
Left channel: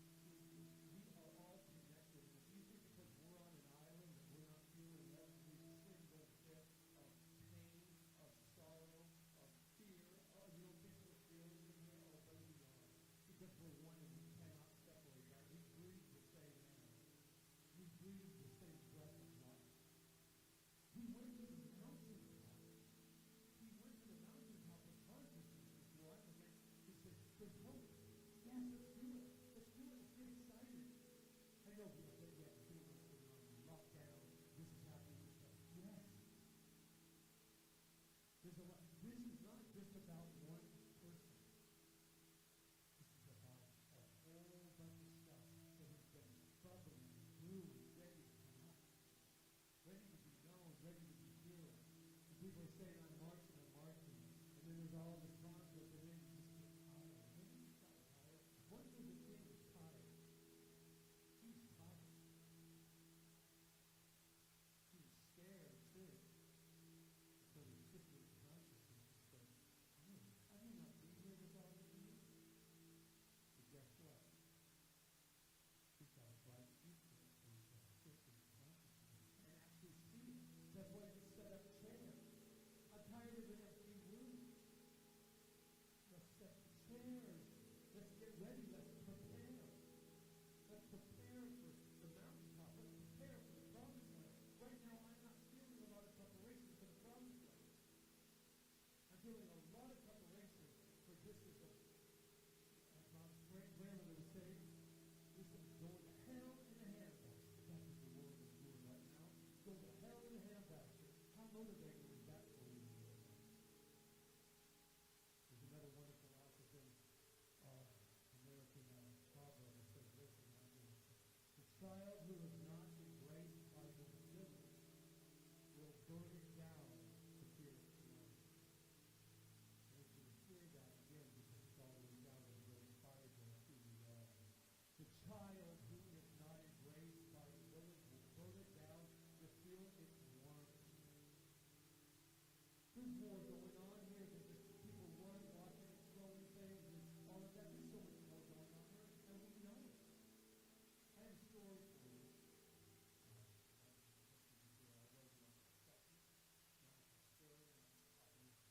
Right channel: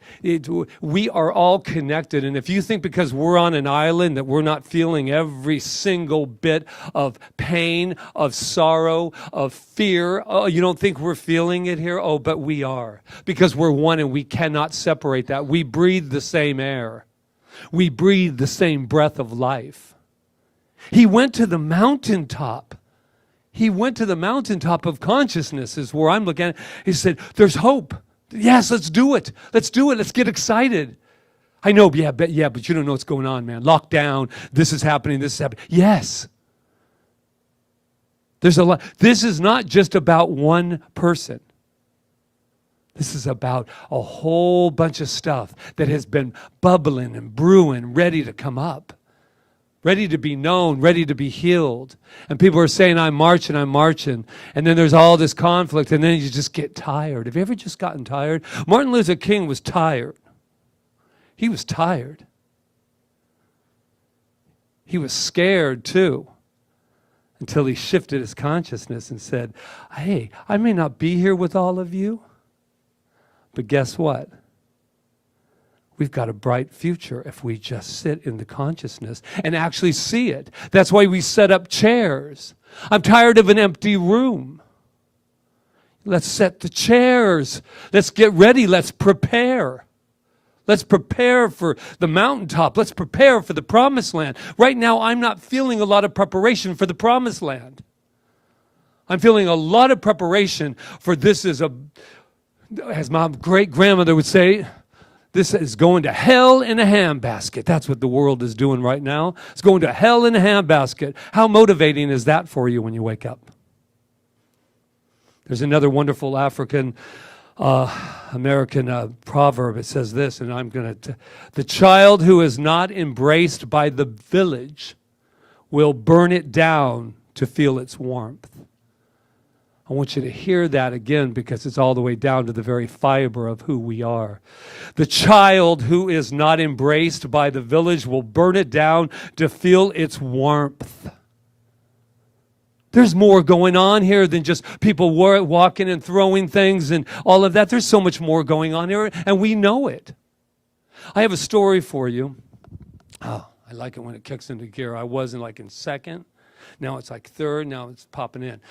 We are all connected. And if you think because we're on an island that we're not feeling every single bit of pain, of sorrow, of fear, oh, you don't think we're feeling it here? Oh, but we are. Because we're one and we cannot separate that. We breathe the same air. We breathe the same breath of life. He went to the mountaintop. He went to the mountaintop of consciousness is where I'm looking at. He said, there's hope. Yes, let's do it. Let's do it. Let's get excited. I know, but you don't know what's going on, man. Lockdown, this is happening, this is happening. Yes. There's a lot. This is not just about one person. This is about a whole bunch of stuff that has been bubbling and brewing, ready to come up, ready to be known, ready to be healed. And people are saying, I'm marching. And then there's all this conflict, and then you just get tired. Have you ever just gotten tired? Martin Luther King was tired. He was tired. He was scared, too, until he shifted his consciousness and said, hey, I may not be here with all of you, but guess what? We've got a bright future if we just sit in the consciousness and actually see it. That's why we set up chairs. I'm tired of an empty room. Let's set the chairs. Let's get ready. Let's prepare. Let's prepare for the mountaintop. Let's prepare for the promised land. Right now, I'm not feeling a lot of preparation for the promised land. I'm feeling a lot of preparation for this is as my great-grandmother would say, this is going to hell in a handbasket. That's what the world is doing right now. It's going to hell in a handbasket. How motivating is that for you when you wake up? There's another wonderful African American proverb. It says this, and I'm going to... The child who is not embraced by the village will burn it down to feel its warmth. I want you to hear that again because it's all the way down to the very fiber of who we are. The child who is not embraced by the village will burn it down to feel its warmth. There's more going on here than just people walking and throwing things and all of that. There's so much more going on here, and we know it. I have a story for you. Oh, I like it when it kicks into gear. I wasn't like in second. Now it's like third. Now it's popping in.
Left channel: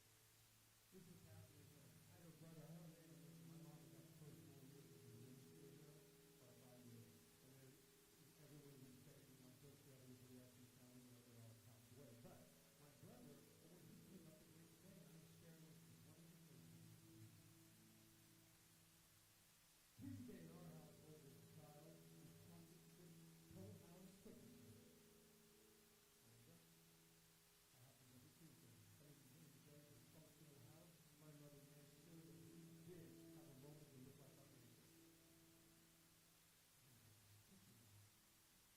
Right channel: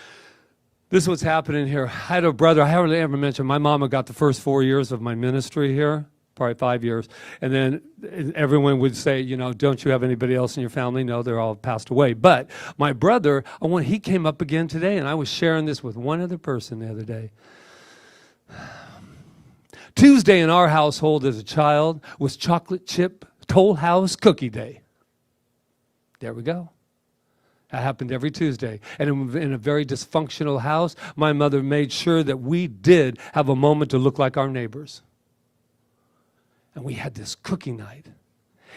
This is what's happening here. I had a brother. I haven't ever mentioned my mama got the first 4 years of my ministry here, probably 5 years. And then everyone would say, you know, don't you have anybody else in your family? No, they're all passed away. But my brother, he came up again today, and I was sharing this with one other person the other day. Tuesday in our household as a child was chocolate chip Toll House cookie day. There we go. That happened every Tuesday. And in a very dysfunctional house, my mother made sure that we did have a moment to look like our neighbors. And we had this cookie night.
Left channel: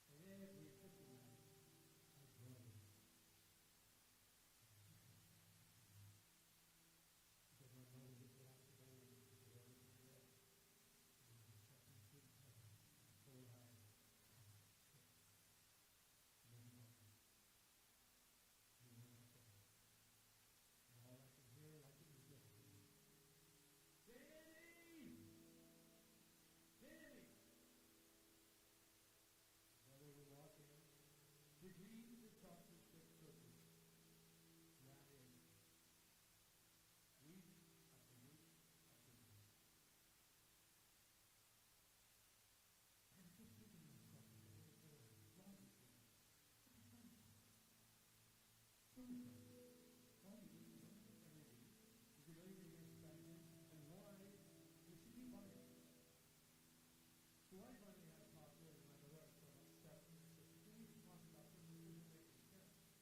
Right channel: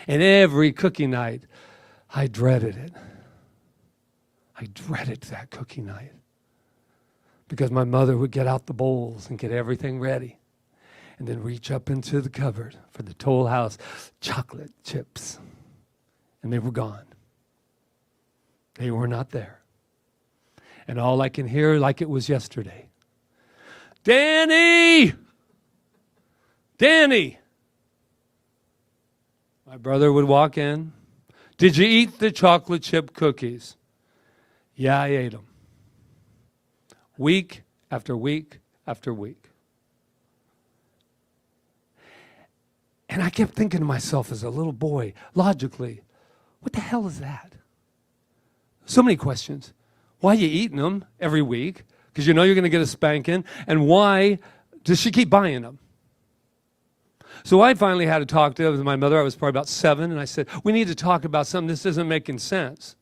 And every cookie night, I dreaded it. I dreaded that cookie night. Because my mother would get out the bowls and get everything ready. And then reach up into the cupboard for the Toll House chocolate chips. And they were gone. They were not there. And all I can hear like it was yesterday. Danny! Danny! My brother would walk in. Did you eat the chocolate chip cookies? Yeah, I ate them. Week after week after week. And I kept thinking to myself as a little boy, logically, what the hell is that? So many questions. Why are you eating them every week? Because you know you're going to get a spanking. And why does she keep buying them? So I finally had to talk to my mother. I was probably about 7. And I said, we need to talk about something. This isn't making sense.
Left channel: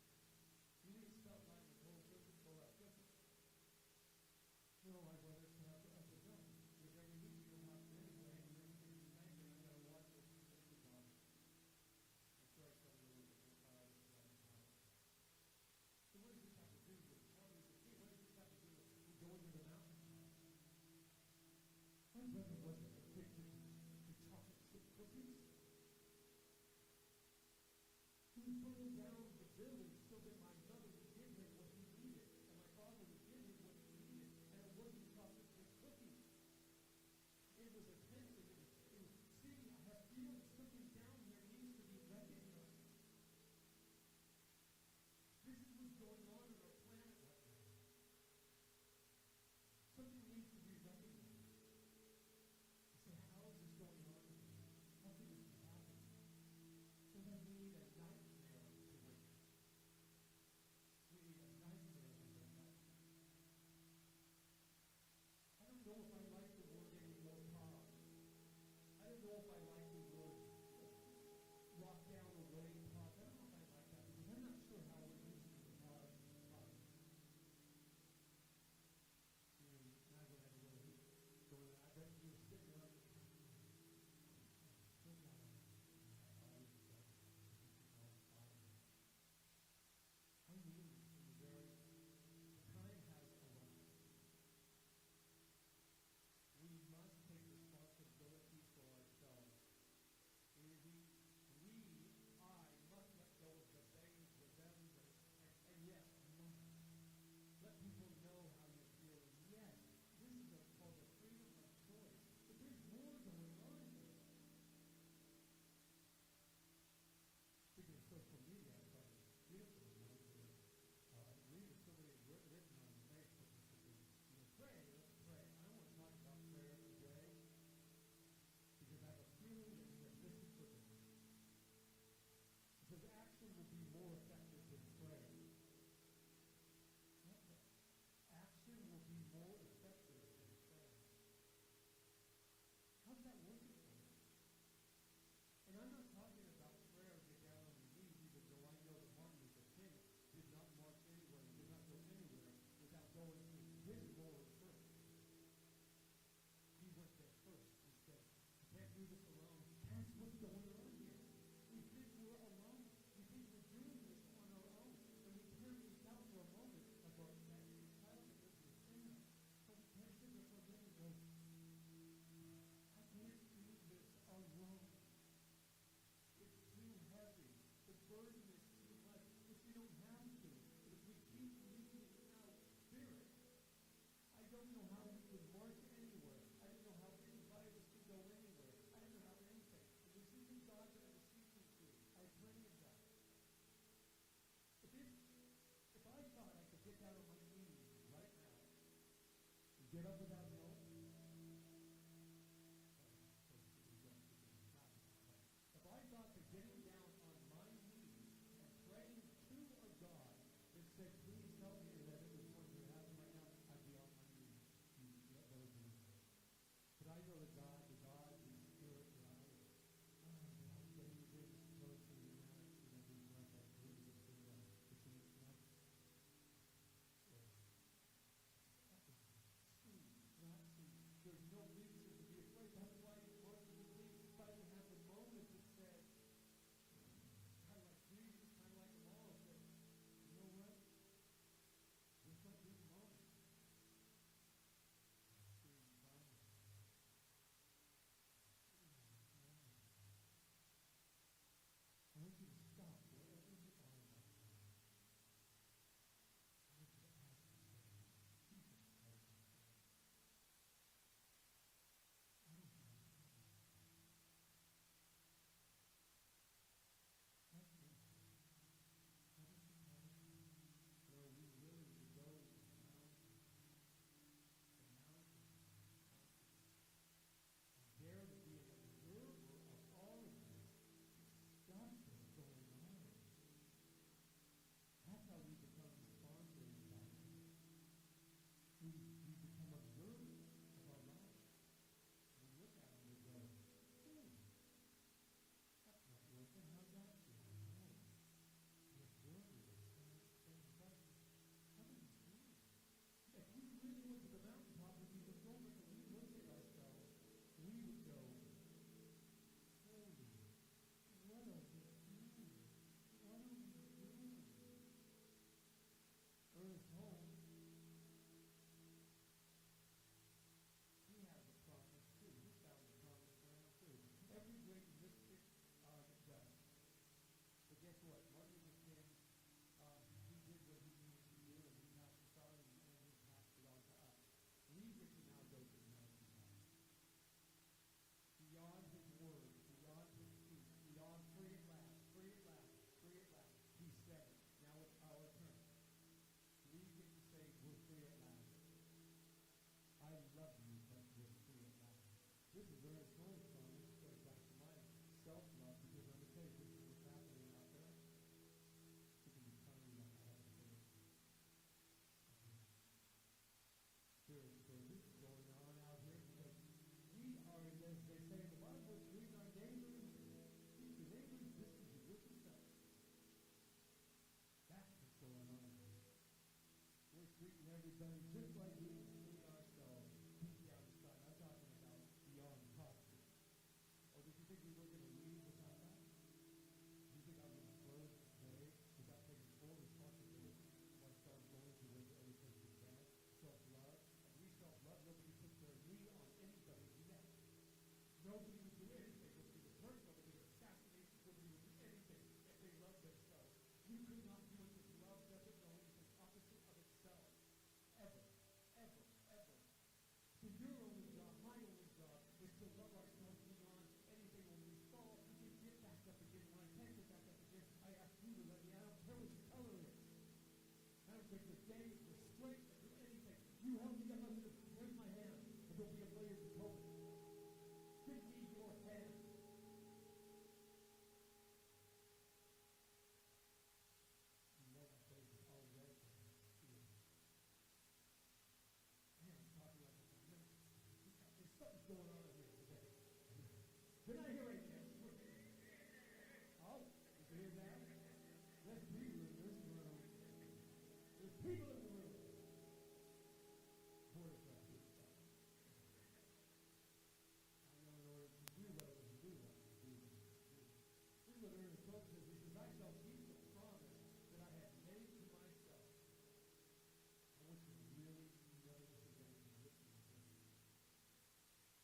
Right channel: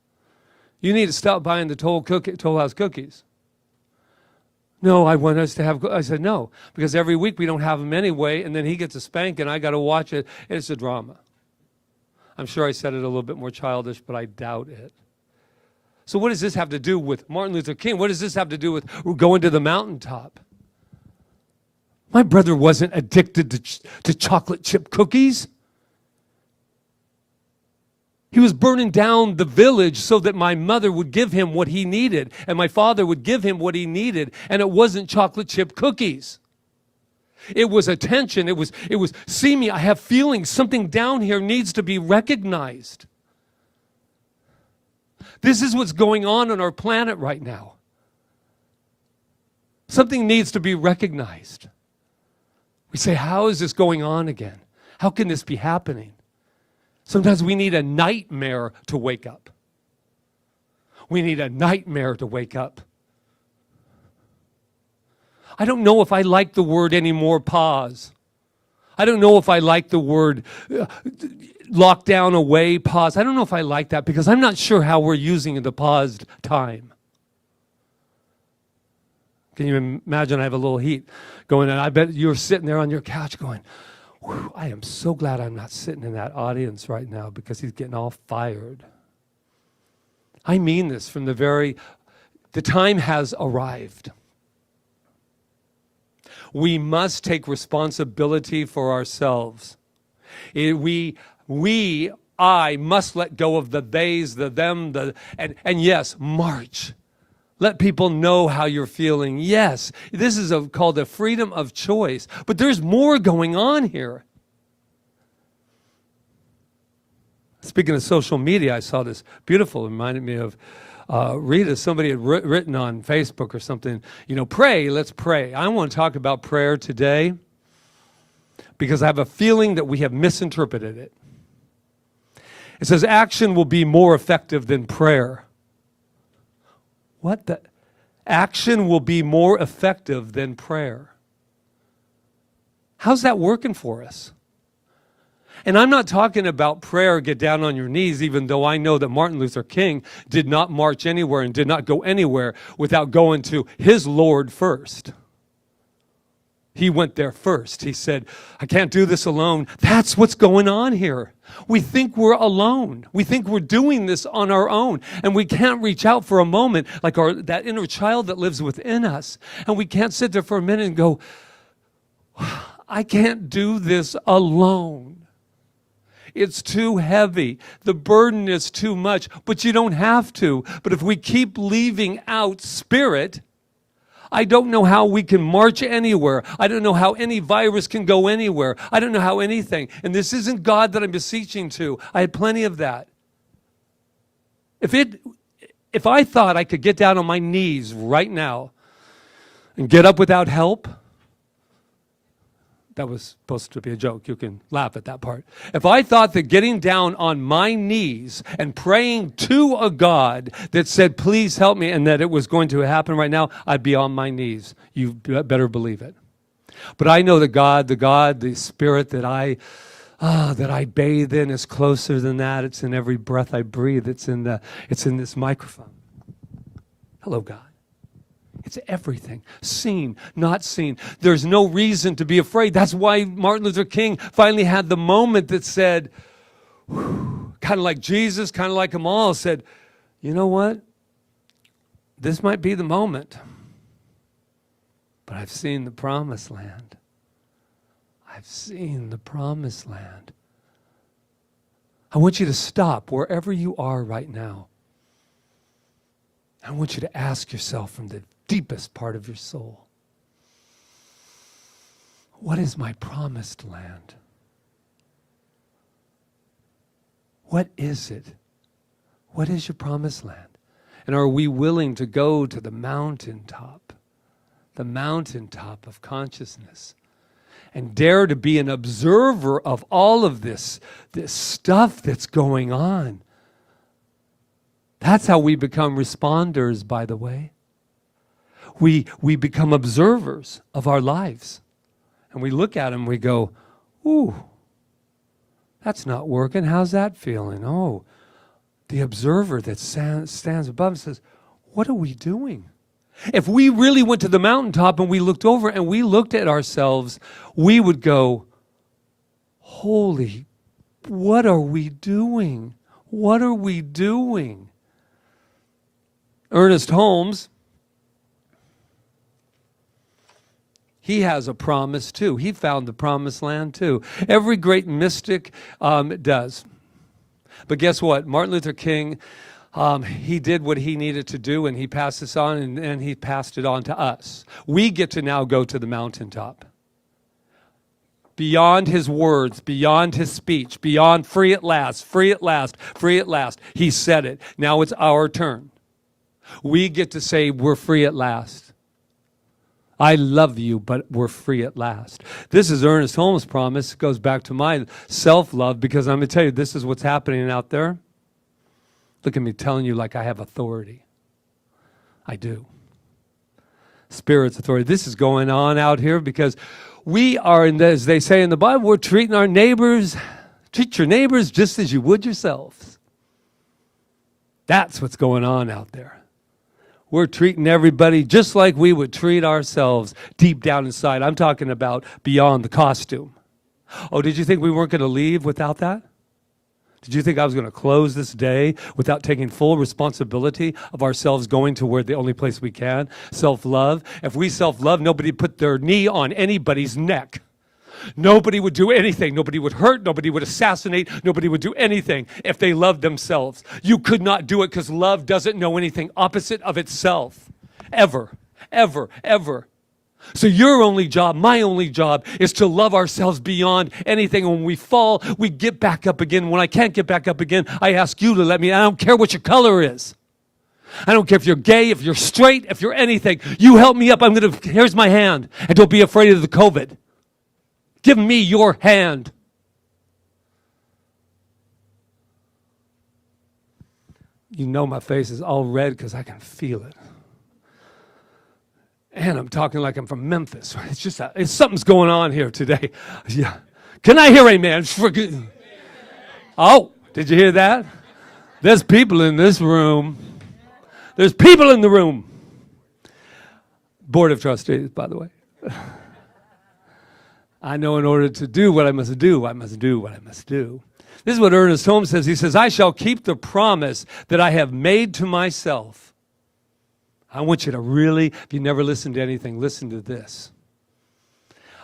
You need to stop buying the Toll House cookies. No, I want us to have. I said, no. Because every week we don't have them anyway. And then he gets a spanking. I got to watch it. It's a drama. I'm sure I said it a little bit more childish, but I doubt it. So what does this have to do with Martin Luther King? What does this have to do with going to the mountaintop? My brother wasn't addicted to chocolate chip cookies. He was burning down the village so that my mother would give him what he needed and my father would give him what he needed, and it wasn't chocolate chip cookies. It was attention. It was, see me, I have feelings. Something down here needs to be recognized. This is what's going on our planet right now. Something needs to be recognized. We say, how is this going on again? How can this be happening? Sometimes we need a nightmare to wake up. We need a nightmare to wake up. I don't know if I like the word anymore, pause. I don't know if I like the word lockdown, away, pause. I don't know if I like that because I'm not sure how we're using the paused time. Can you imagine? I have a little heat going on. I bet you're sitting there on your couch going, I am so glad I'm not sitting in that audience right now because he's getting all fired. I mean this from the time has arrived. We must take responsibility for ourselves. I must let go of the theys, the them, and yes, march. Let people know how you're feeling. Yes, this is called the freedom of choice. But there's more going on here. Speaking of social media, I saw this beautiful, reminded me of Rita. Somebody had written on Facebook or something, pray, let's pray. I want to talk about prayer today because I have a feeling that we have misinterpreted it. It says action will be more effective than prayer. What the? Action will be more effective than prayer. How's that working for us? And I'm not talking about prayer, get down on your knees, even though I know that Martin Luther King did not march anywhere and did not go anywhere without going to his Lord first. He went there first. He said, I can't do this alone. That's what's going on here. We think we're alone. We think we're doing this on our own. And we can't reach out for a moment like that inner child that lives within us. And we can't sit there for a minute and go, I can't do this alone. It's too heavy. The burden is too much. But you don't have to. But if we keep leaving out Spirit, I don't know how we can march anywhere. I don't know how any virus can go anywhere. I don't know how anything. And this isn't God that I'm beseeching to. I had plenty of that. If I thought I could get down on my knees right now and get up without help, that was supposed to be a joke. You can laugh at that part. If I thought that getting down on my knees and praying to a God that said, please help me, and that it was going to happen right now, I'd be on my knees. You better believe it. But I know that God, the Spirit that I bathe in is closer than that. It's in every breath I breathe. It's in this microphone. Hello, God. It's everything, seen, not seen. There's no reason to be afraid. That's why Martin Luther King finally had the moment that said, kind of like Jesus, kind of like them all, said, you know what? This might be the moment, but I've seen the promised land. I've seen the promised land. I want you to stop wherever you are right now. I want you to ask yourself from the deepest part of your soul, what is my promised land? What is it? What is your promised land? And are we willing to go to the mountaintop of consciousness, and dare to be an observer of all of this stuff that's going on? That's how we become responders, by the way. We become observers of our lives. And we look at them and we go, ooh, that's not working. How's that feeling? Oh, the observer that stands above says, what are we doing? If we really went to the mountaintop and we looked over and we looked at ourselves, we would go, holy, what are we doing? What are we doing? Ernest Holmes, he has a promise too. He found the promised land too. Every great mystic does. But guess what? Martin Luther King, he did what he needed to do, and he passed this on, and he passed it on to us. We get to now go to the mountaintop. Beyond his words, beyond his speech, beyond free at last, free at last, free at last. He said it. Now it's our turn. We get to say we're free at last. I love you, but we're free at last. This is Ernest Holmes' promise. It goes back to my self-love, because I'm going to tell you, this is what's happening out there. Look at me telling you like I have authority. I do. Spirit's authority. This is going on out here because we are, as they say in the Bible, we're treating our neighbors, treat your neighbors just as you would yourselves. That's what's going on out there. We're treating everybody just like we would treat ourselves deep down inside. I'm talking about beyond the costume. Oh, did you think we weren't going to leave without that? Did you think I was going to close this day without taking full responsibility of ourselves going to where the only place we can? Self-love. If we self-love, nobody put their knee on anybody's neck. Nobody would do anything. Nobody would hurt. Nobody would assassinate. Nobody would do anything if they loved themselves. You could not do it because love doesn't know anything opposite of itself. Ever, ever, ever. So your only job, my only job, is to love ourselves beyond anything. When we fall, we get back up again. When I can't get back up again, I ask you to let me. I don't care what your color is. I don't care if you're gay, if you're straight, if you're anything. You help me up. Here's my hand. And don't be afraid of the COVID. Give me your hand. You know my face is all red because I can feel it. And I'm talking like I'm from Memphis. It's just something's going on here today. Yeah. Can I hear amen? Oh, did you hear that? There's people in this room. There's people in the room. Board of Trustees, by the way. I know in order to do what I must do, I must do what I must do. This is what Ernest Holmes says. He says, I shall keep the promise that I have made to myself. I want you to really, if you never listened to anything, listen to this.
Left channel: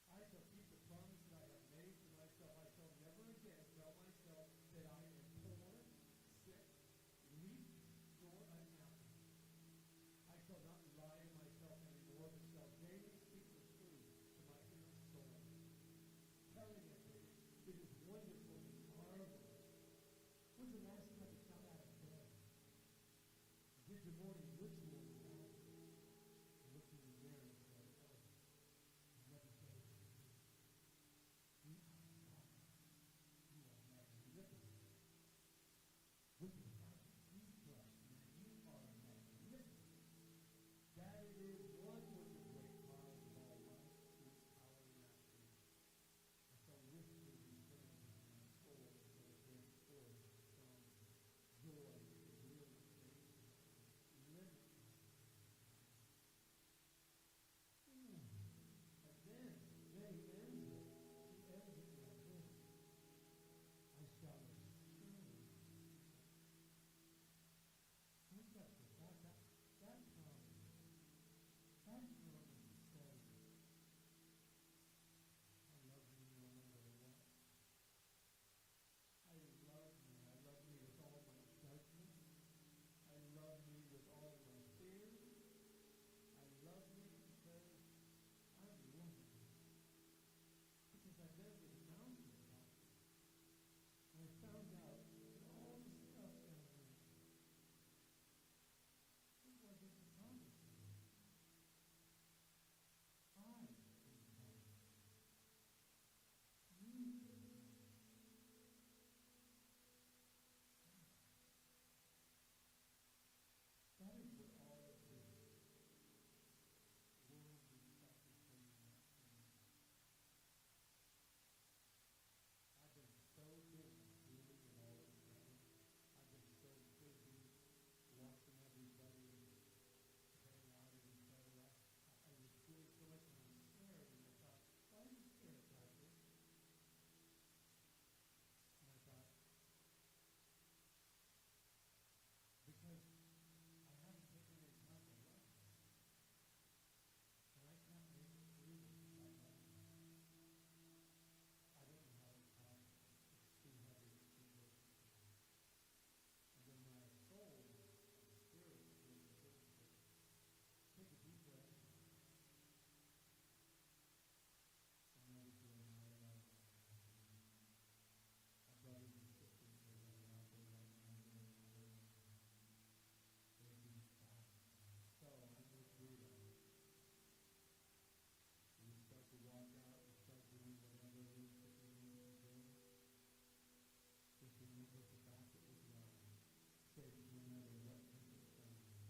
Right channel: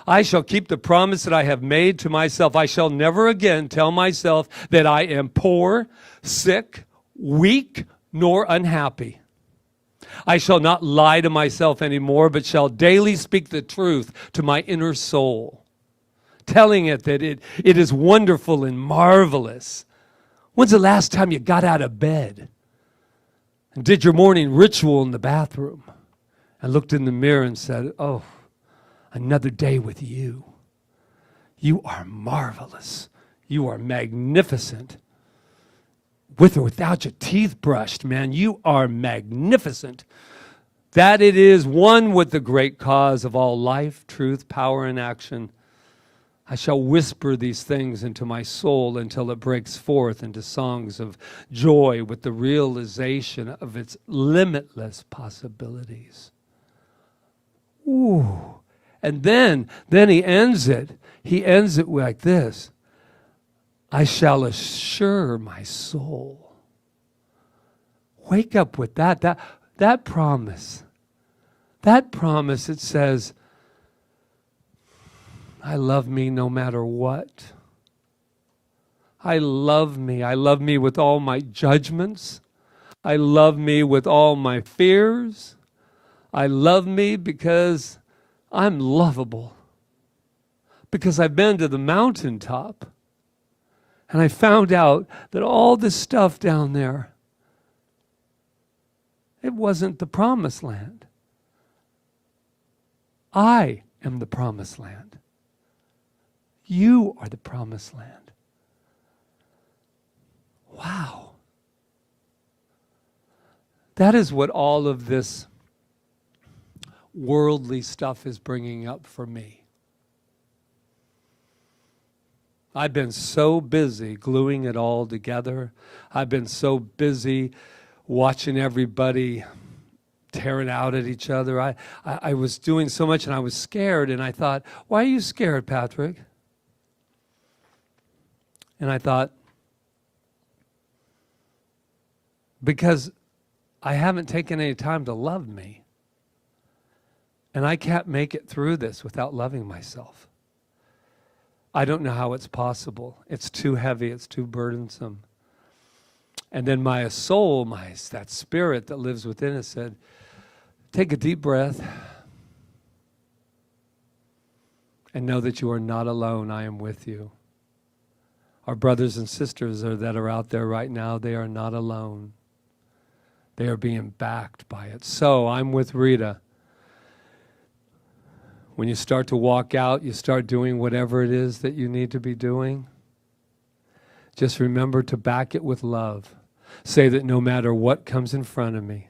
I shall keep the promise that I have made to myself. I shall never again tell myself that I am poor, sick, weak, nor unhappy. I shall not lie to myself anymore, but shall daily speak the truth to my inner soul, telling it that it is wonderful and marvelous. When's the last time you got out of bed and did your morning ritual in the bathroom and looked in the mirror and said, oh, another day with you. You are marvelous. You are magnificent. With or without your teeth brushed, man, you are magnificent. That it is one with the great cause of all life, truth, power, and action. I shall whisper these things into my soul until it breaks forth into songs of joy with the realization of its limitless possibilities. Ooh. And then he ends it. He ends it like this. I shall assure my soul. Wake up with that promise. That promise, it says, I love me no matter what. I love me. I love me with all my judgments. I love me with all my fears. I love me because I'm lovable. Because I've been to the mountaintop. And I found out that all this stuff down there, it wasn't the promised land. I am the promised land. You are the promised land. Wow. That is what all of this worldly stuff is bringing up for me. I've been so busy gluing it all together. I've been so busy watching everybody tearing out at each other. I was doing so much and I was scared, and I thought, why are you scared, Patrick? And I thought, because I haven't taken any time to love me. And I can't make it through this without loving myself. I don't know how it's possible. It's too heavy. It's too burdensome. And then my soul, that spirit that lives within us said, take a deep breath and know that you are not alone. I am with you. Our brothers and sisters that are out there right now, they are not alone. They are being backed by it. So I'm with Rita. When you start to walk out, you start doing whatever it is that you need to be doing. Just remember to back it with love. Say that no matter what comes in front of me,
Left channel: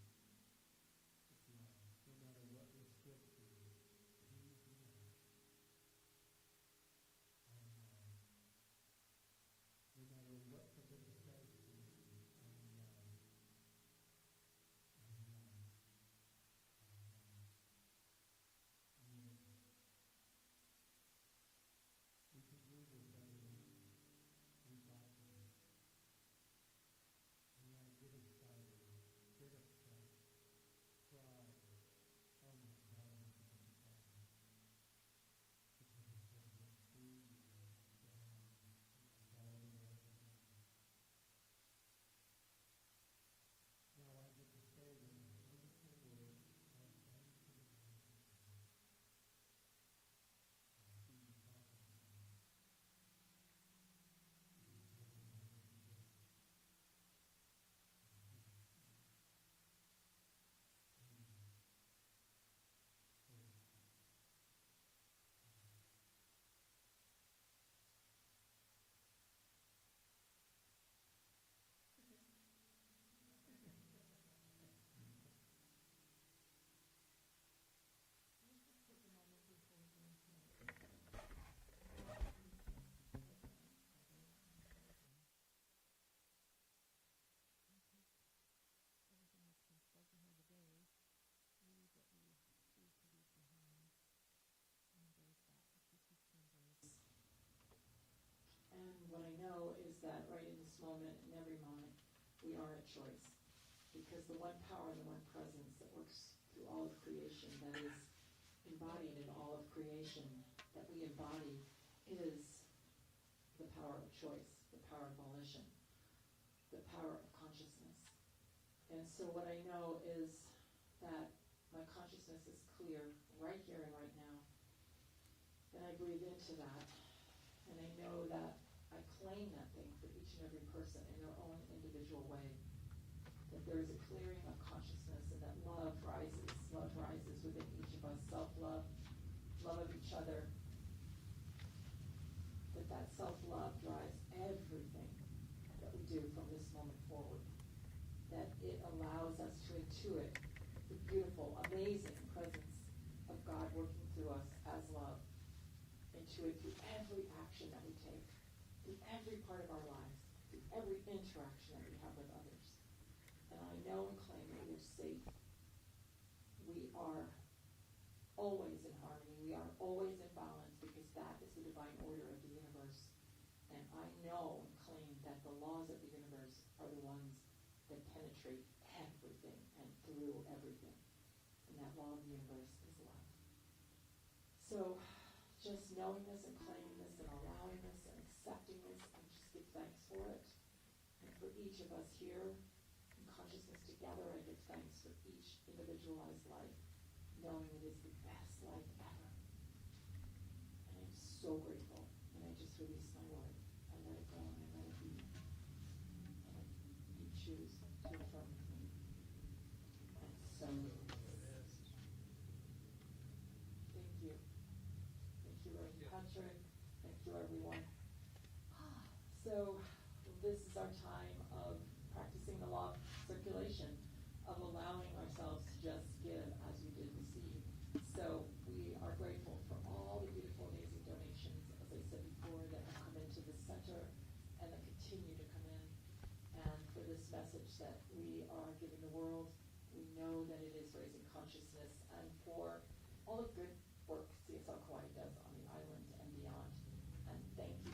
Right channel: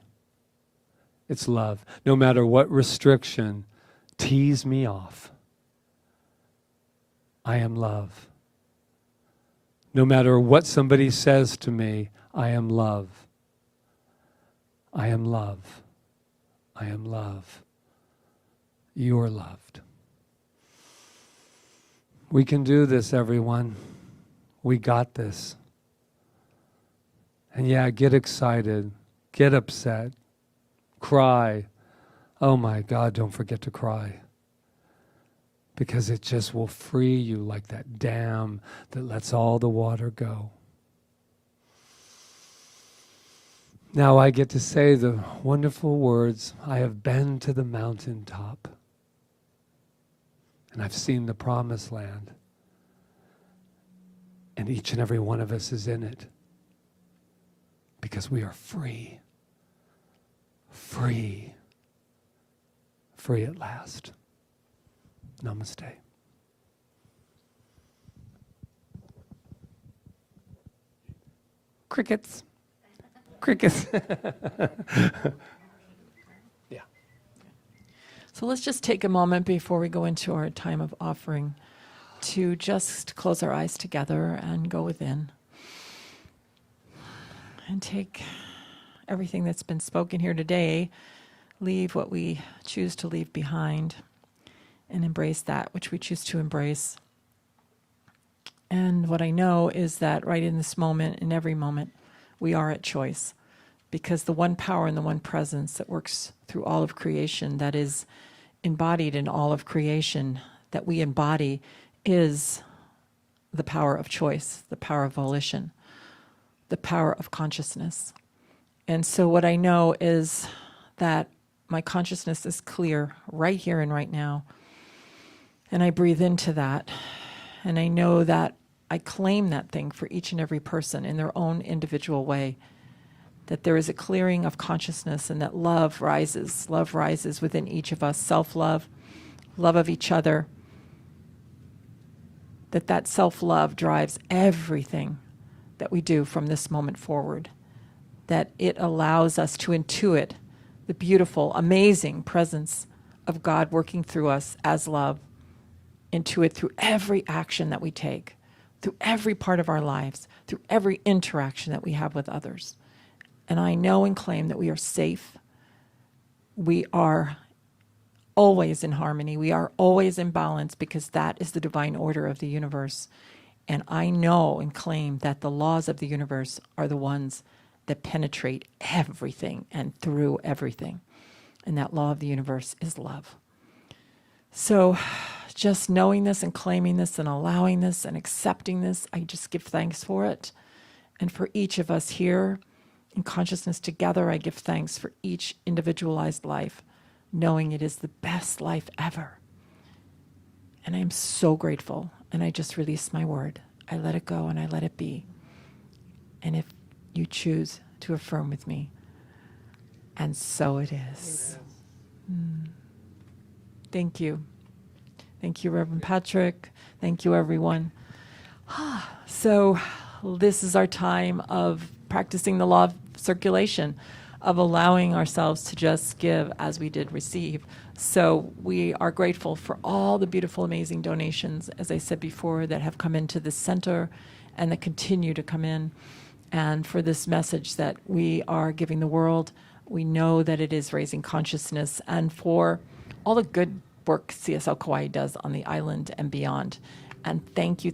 it's love. No matter what restriction tease me off, I am love. No matter what somebody says to me, I am love. I am love. I am love. You are loved. We can do this, everyone. We got this. And yeah, get excited, get upset, cry. Oh my God, don't forget to cry. Because it just will free you like that dam that lets all the water go. Now I get to say the wonderful words, I have been to the mountaintop. And I've seen the promised land. And each and every one of us is in it. Because we are free. Free. Free at last. Namaste. Crickets. Crickets. Yeah. So let's just take a moment before we go into our time of offering to just close our eyes together and go within. And take everything that's been spoken here today, leave what we choose to leave behind, and embrace that which we choose to embrace. And what I know is that right in this moment, in every moment, we are at choice, because the one power and the one presence that works through all of creation, that is embodied in all of creation, that we embody, is the power of choice, the power of volition, the power of consciousness. And so what I know is that my consciousness is clear right here and right now. And I breathe into that. And I know that I claim that thing for each and every person in their own individual way. That there is a clearing of consciousness, and that love rises within each of us. Self-love, love of each other. That self-love drives everything that we do from this moment forward. That it allows us to intuit the beautiful, amazing presence of God working through us as love. Intuit through every action that we take, through every part of our lives, through every interaction that we have with others. And I know and claim that we are safe. We are always in harmony. We are always in balance, because that is the divine order of the universe. And I know and claim that the laws of the universe are the ones that penetrate everything and through everything. And that law of the universe is love. So just knowing this and claiming this and allowing this and accepting this, I just give thanks for it. And for each of us here in consciousness together, I give thanks for each individualized life, knowing it is the best life ever. And I am so grateful. And I just release my word. I let it go and I let it be. And if you choose to affirm with me, and so it is. Thank you. Thank you, Reverend Patrick. Thank you, everyone. So this is our time of practicing the law of circulation, of allowing ourselves to just give as we did receive. So we are grateful for all the beautiful, amazing donations, as I said before, that have come into this center and that continue to come in. And for this message that we are giving the world, we know that it is raising consciousness, and for all the good work CSL Kauai does on the island and beyond. And thank you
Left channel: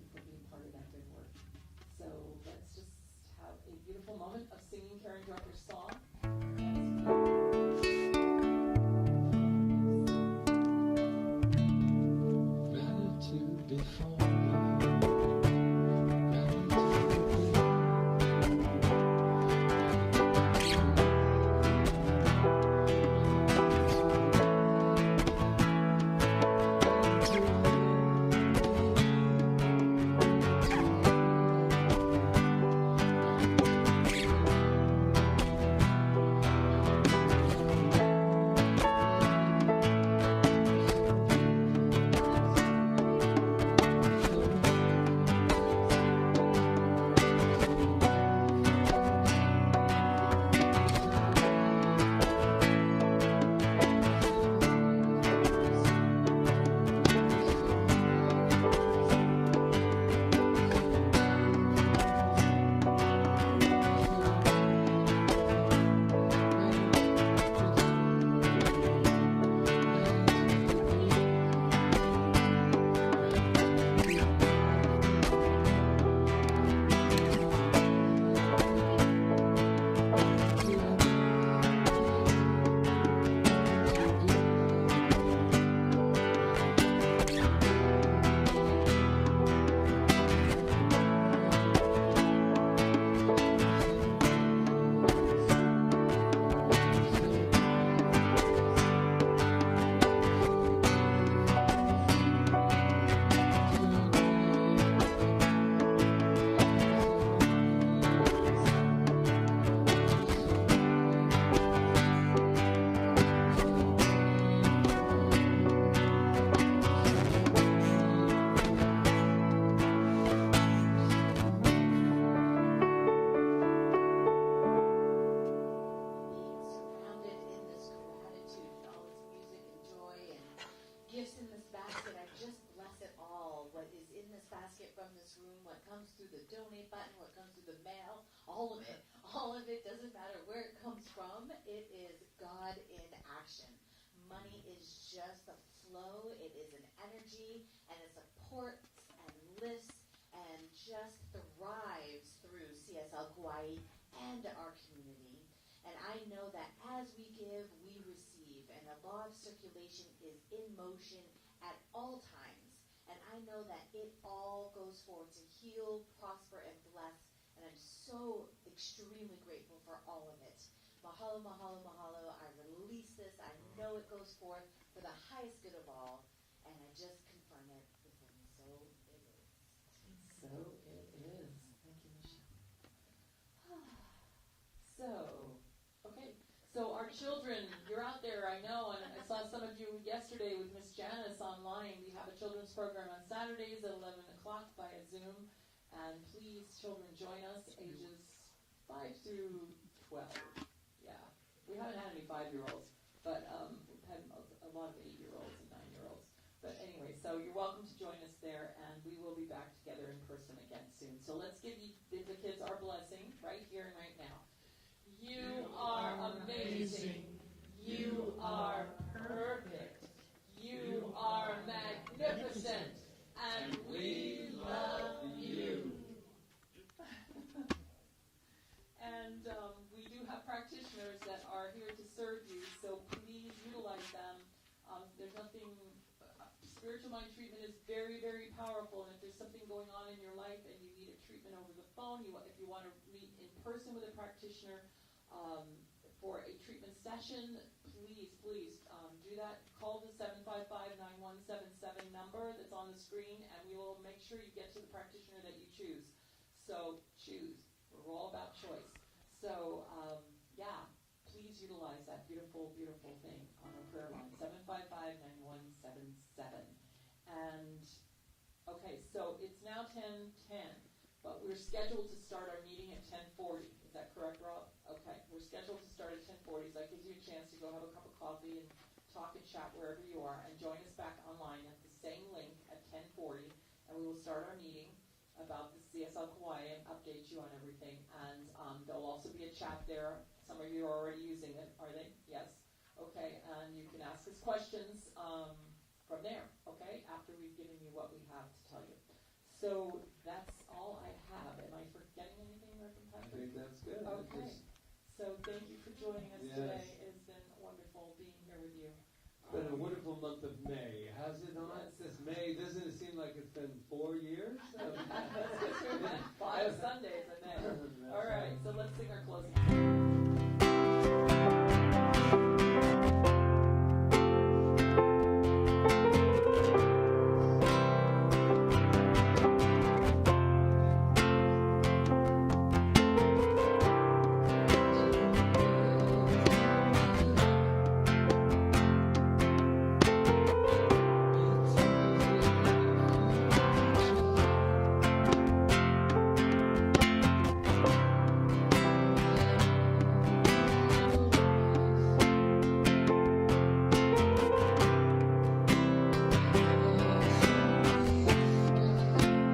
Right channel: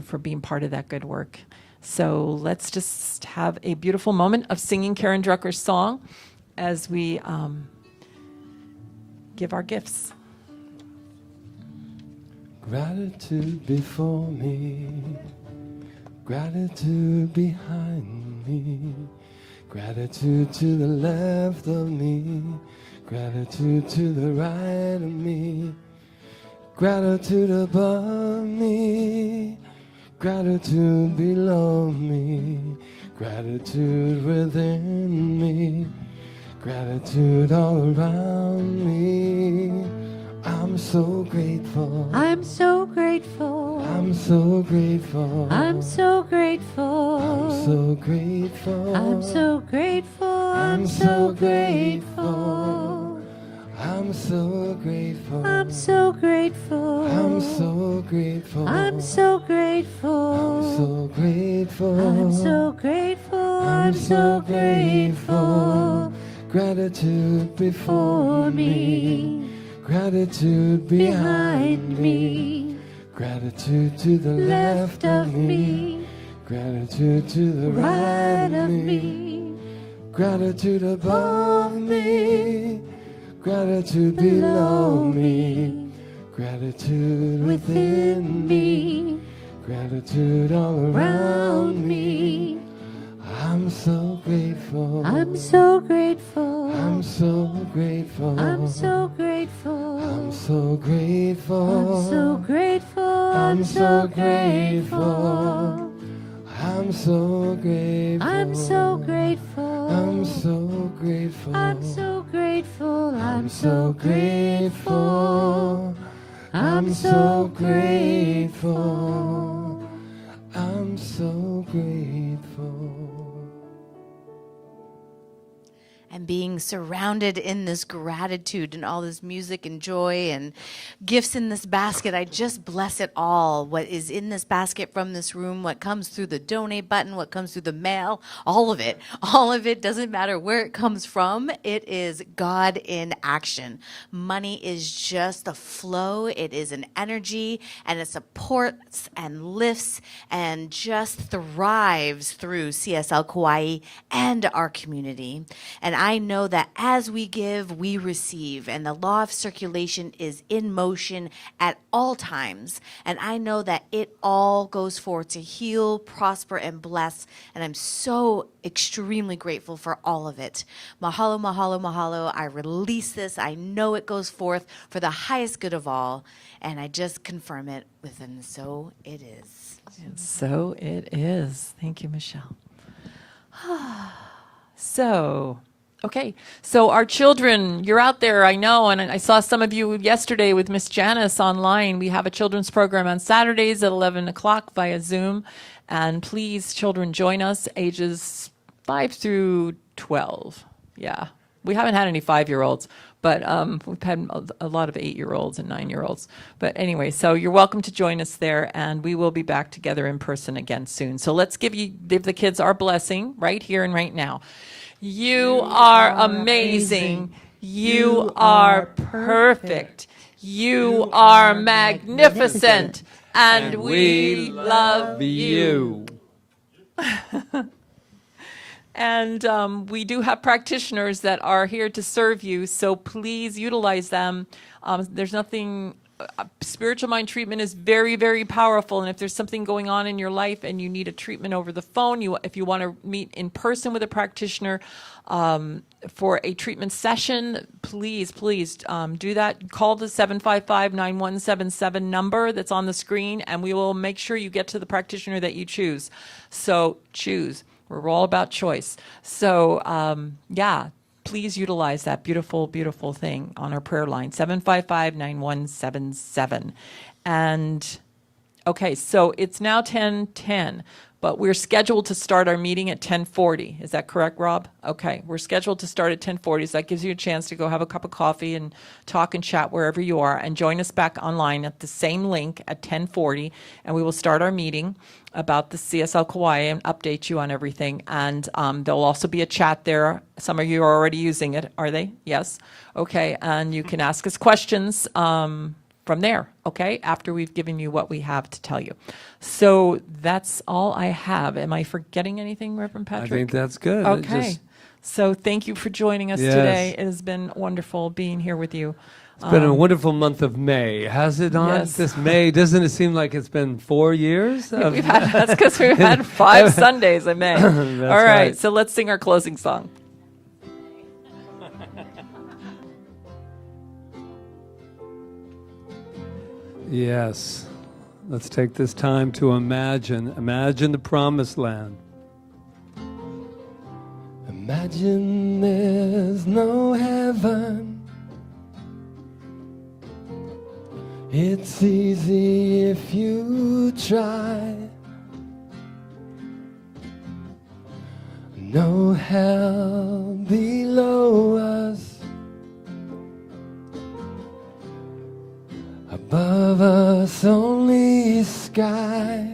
for being part of that good work. So let's just have a beautiful moment of singing Karen Drucker's song as we give our gifts. Gratitude before me, gratitude behind me, gratitude to the left of me, gratitude to the right of me, gratitude above me, gratitude below me, gratitude within me, gratitude all around me. I'm so grateful. I'm so grateful. I'm so grateful. I'm so grateful. So grateful. I'm so grateful. I'm so grateful. I'm so grateful. I'm so grateful. I'm so grateful. I'm so grateful. So grateful. I'm so grateful. I'm so grateful. Gratitude before me, gratitude behind me, gratitude to the Left of me, gratitude to the right of me, gratitude above me, gratitude below me, gratitude within me, gratitude all around me. I'm so grateful. I'm so grateful. I'm so grateful. I'm so grateful. I'm so grateful. I'm so grateful. I'm so grateful. I'm so grateful. I'm so grateful. I'm so grateful. I'm so grateful. I'm So grateful. I'm so grateful. I'm so grateful. And being surrounded in this gratitude and all this music and joy and gifts in this basket. I just bless it all. What is in this basket from this room, what comes through the donate button, what comes through the mail, all of it. All of it, doesn't matter where it comes from. It is God in action. Money is just a flow. It is an energy, and it supports and lifts and just thrives through CSL Kauai and our community. And I know that as we give, we receive, and the law of circulation is in motion at all times. And I know that it all goes forth to heal, prosper, and bless. And I'm so extremely grateful for all of it. Mahalo, mahalo, mahalo. I release this. I know it goes forth for the highest good of all. And I just confirm it with and so it is. And so it is. Thank you, Michelle. So, okay. So our children, you're out there, I know, and I saw some of you yesterday with Miss Janice online. We have a children's program on Saturdays at 11 o'clock via Zoom. And please, children, join us ages 5 through 12. Yeah. We haven't had any 5-year-olds, but we've had a lot of 8-year-olds and 9-year-olds. But anyway, so you're welcome to join us there, and we will be back together in person again soon. So let's give the kids our blessing right here and right now. You are amazing. You are perfect. You are magnificent. And we love you. And we do have practitioners that are here to serve you, so please utilize them. There's nothing, spiritual mind treatment is very, very powerful, and if there's something going on in your life and you need a treatment over the phone, if you want to meet in person with a practitioner for a treatment session, please do that. Call the 755-9177 number that's on the screen, and we will make sure you get to the practitioner that you choose. So choose. We're all about choice. So, yeah, please utilize that beautiful, beautiful thing on our prayer line, 755-9177. And, okay, so it's now 10:10, but we're scheduled to start our meeting at 10:40. Is that correct, Rob? Okay, we're scheduled to start at 10:40, so that gives you a chance to go have a cup of coffee and talk and chat wherever you are, and join us back online at the same link at 10:40, and we will start our meeting about the CSL Kauai and update you on everything. And there'll also be a chat there. Some of you are already using it, are they? Yes. Okay, and you can ask us questions from there, okay, after we've given you what we have to tell you. So that's all I have. Am I forgetting anything, Reverend Patrick? I think that's good. Okay. So thank you for joining us Yes. today. It has been wonderful being here with you. It's been a wonderful month of May. Has it not? Yes. This May, doesn't it seem like it's been 4 years? That's because we've had 5 Sundays in May. All right, right. so let's sing our closing song. Yes. Let's take this time to imagine the promised land. Imagine there's no heaven. It's easy if you try. No hell below us. Above us only sky.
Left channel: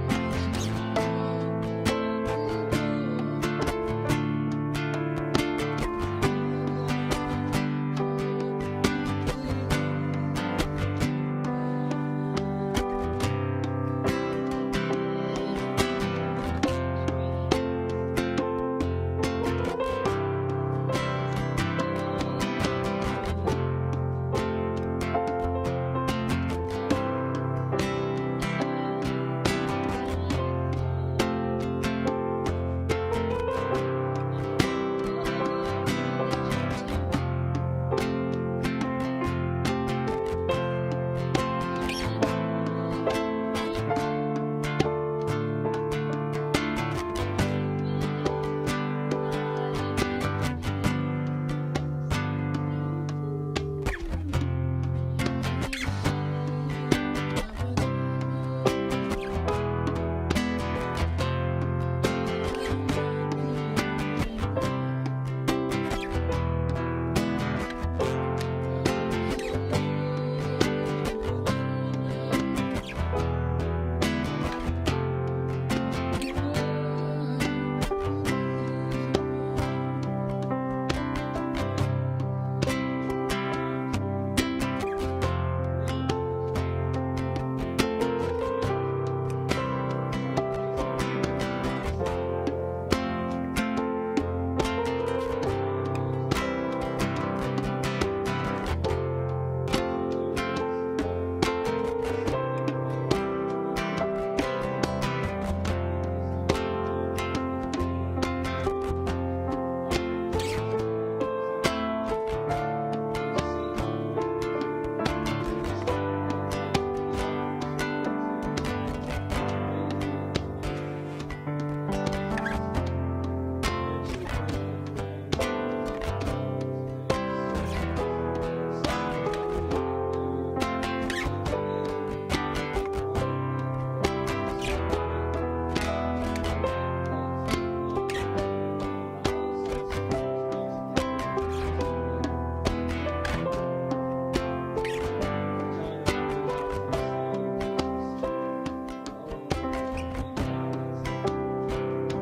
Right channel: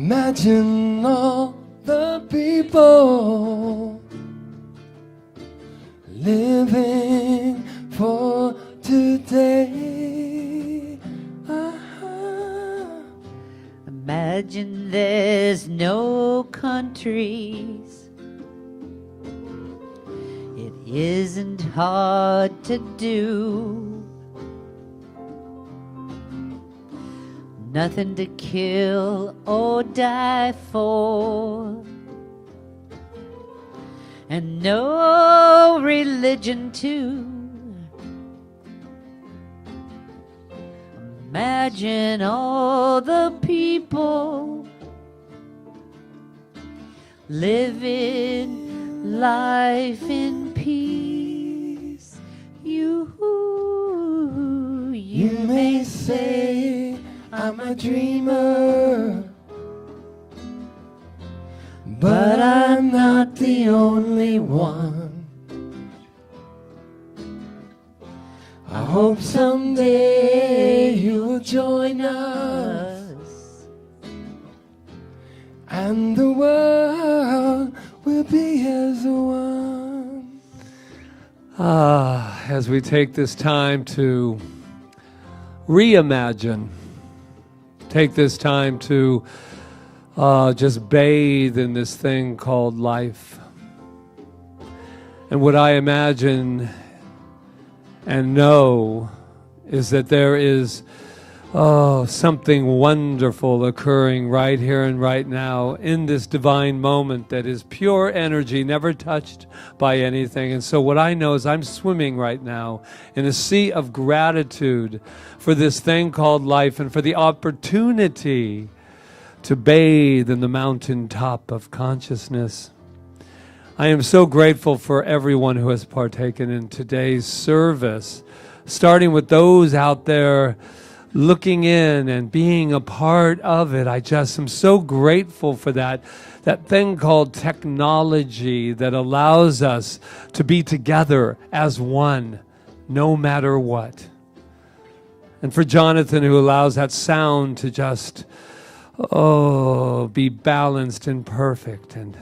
Imagine all the people living for today. Imagine there's no countries. It isn't hard to do. Nothing to kill or die for. And no religion too. Imagine all the people living life in peace. You may say I'm a dreamer, but I'm not the only one. I hope someday you'll join us, and the world will be as one. As we take this time to reimagine, take this time to just bathe in this thing called life. And what I imagine and know is that there is something wonderful occurring right here and right now in this divine moment that is pure energy, never touched by anything. And so what I know is I'm swimming right now in a sea of gratitude for this thing called life and for the opportunity to bathe in the mountaintop of consciousness. I am so grateful for everyone who has partaken in today's service, starting with those out there looking in and being a part of it. I just am so grateful for that thing called technology that allows us to be together as one, no matter what. And for Jonathan, who allows that sound to just, be balanced and perfect and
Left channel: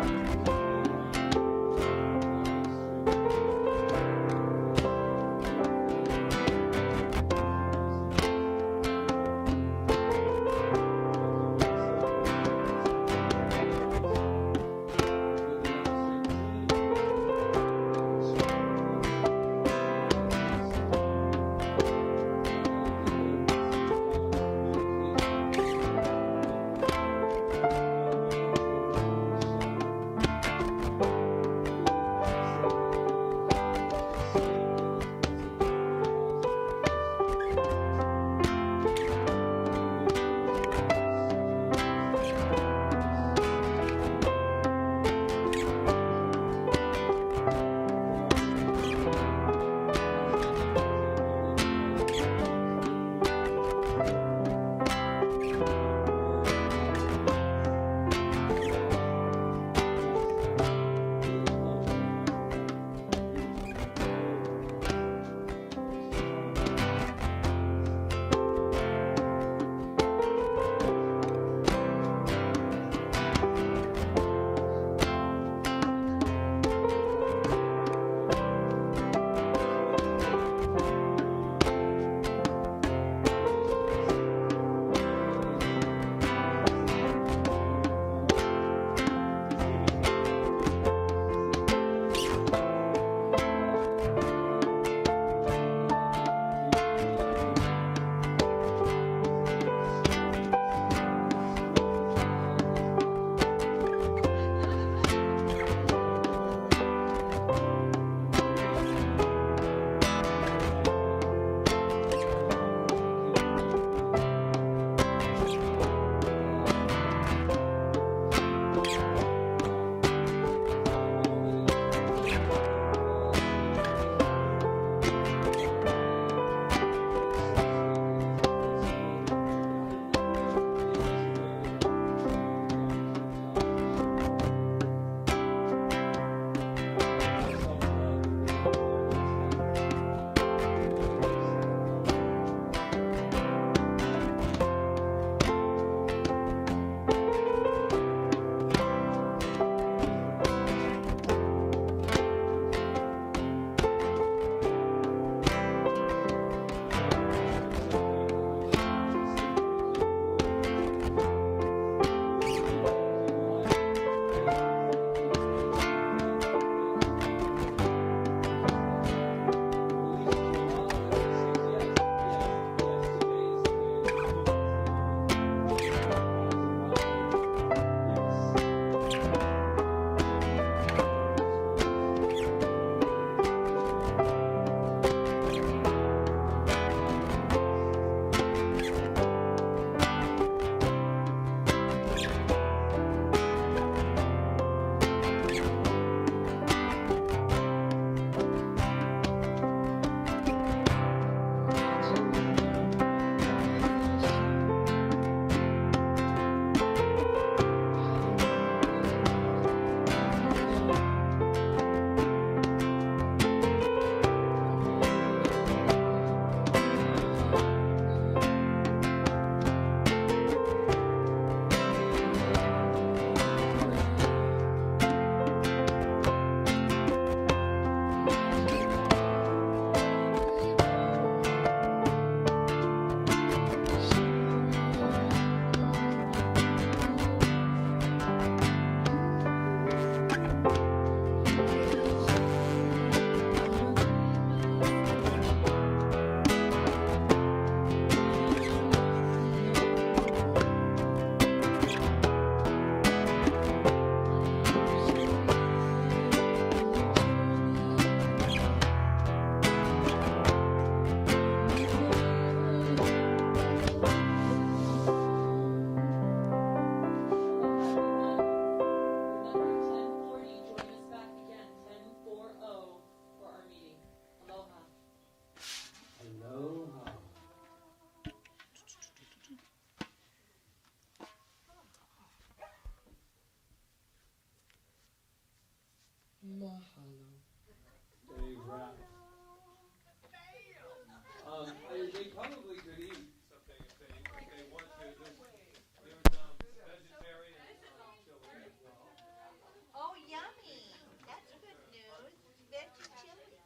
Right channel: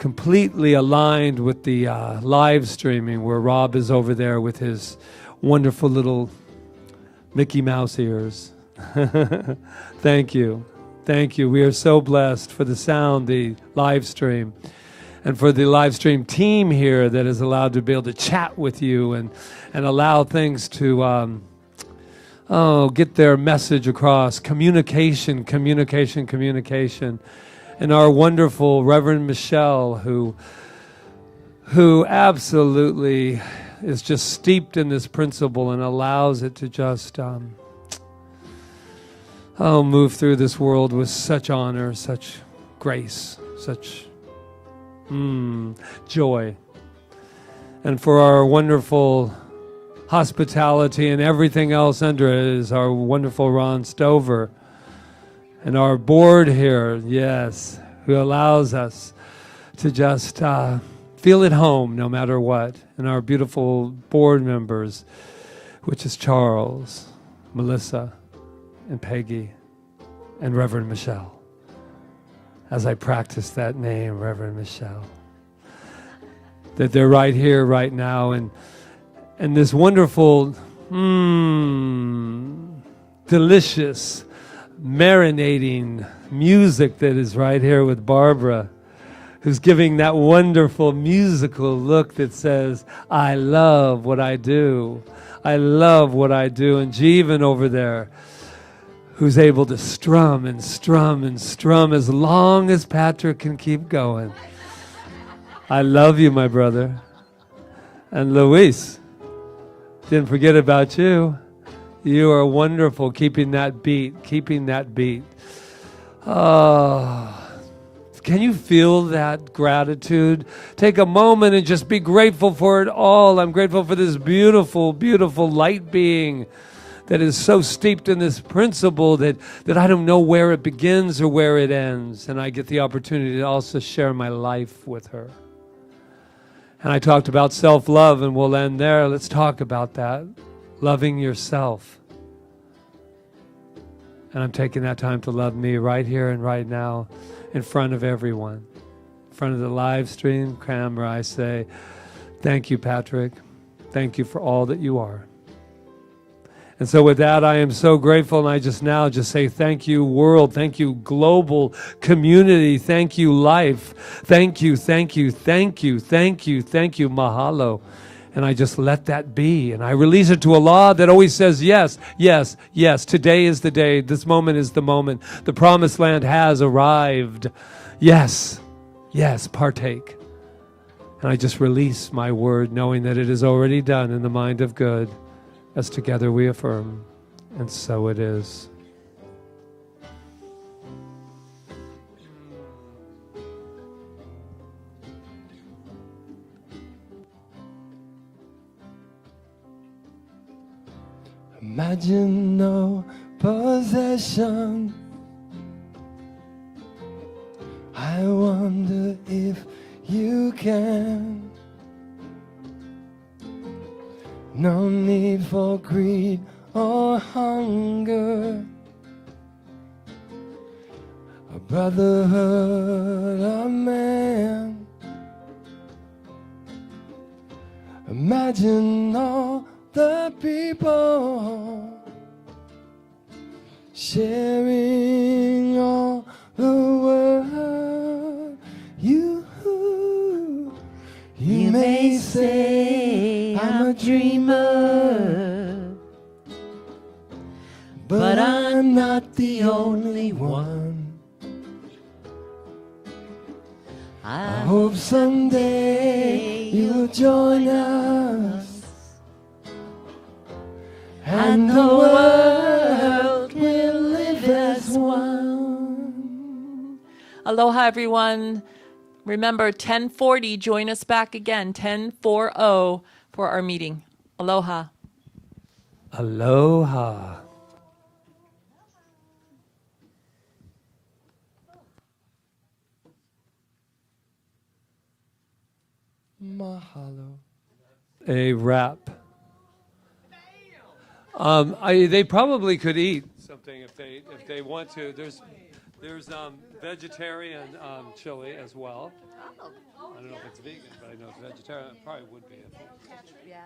completely aligned with the live streaming, where Rob is over there with his wonderful little Mickey Mouse ears. Thank you. Thank you. We are so blessed for the sound, the live stream, and for the live stream team here that is allowed to be able to chat with you and allow things to get their message across. Communication. And our wonderful Reverend Michelle, who absolutely is just steeped in this principle and allows it to just move through this world with such honor, such grace, such joy. And for our wonderful hospitality and everything else under it is our wonderful Ron Stover. And our board here, yes, who allows us to just feel at home no matter what. And our beautiful board members, which is Charles, Melissa, and Peggy, and Reverend Michelle. As I practice that name, Reverend Michelle. That they're right here, right now, and this wonderful, delicious, marinating music that is right here with Barbara, who's giving that wonderful musical look that says, I love what I do. I love what I do. And Jeevan over there, who's able to strum and strum and strum as long as Patrick can keep going. I love you, my brother. And Luis, didn't forget about you. You are wonderful, keeping that beat. Can you feel that gratitude? Take a moment and just be grateful for it all. I'm grateful for this beautiful, beautiful light being that is so steeped in this principle that I don't know where it begins or where it ends. And I get the opportunity to also share my life with her. And I talked about self-love, and we'll end there. Let's talk about that. Loving yourself. And I'm taking that time to love me right here and right now in front of everyone. In front of the live stream camera, I say, thank you, Patrick. Thank you for all that you are. And so with that, I am so grateful, and I just say thank you, world. Thank you, global community. Thank you, life. Thank you, mahalo. And I just let that be. And I release it to Allah that always says, yes, yes, yes. Today is the day. This moment is the moment. The promised land has arrived. Yes, yes, partake. And I just release my word, knowing that it is already done in the mind of good, as together we affirm. And so it is. Imagine no possession. I wonder if for greed or hunger. Brotherhood of man. Imagine all the people sharing all the world. You may say I'm a dreamer, but I'm not the only one. I hope someday you'll join us, and the world will live as one. Aloha, everyone. Remember, 10:40, join us back again, 10:40 for our meeting. Aloha. Aloha. Mahalo. A wrap. They probably could eat something if they want to. There's vegetarian chili as well. I don't know if it's vegan, but I know it's vegetarian. It probably would be. Yeah.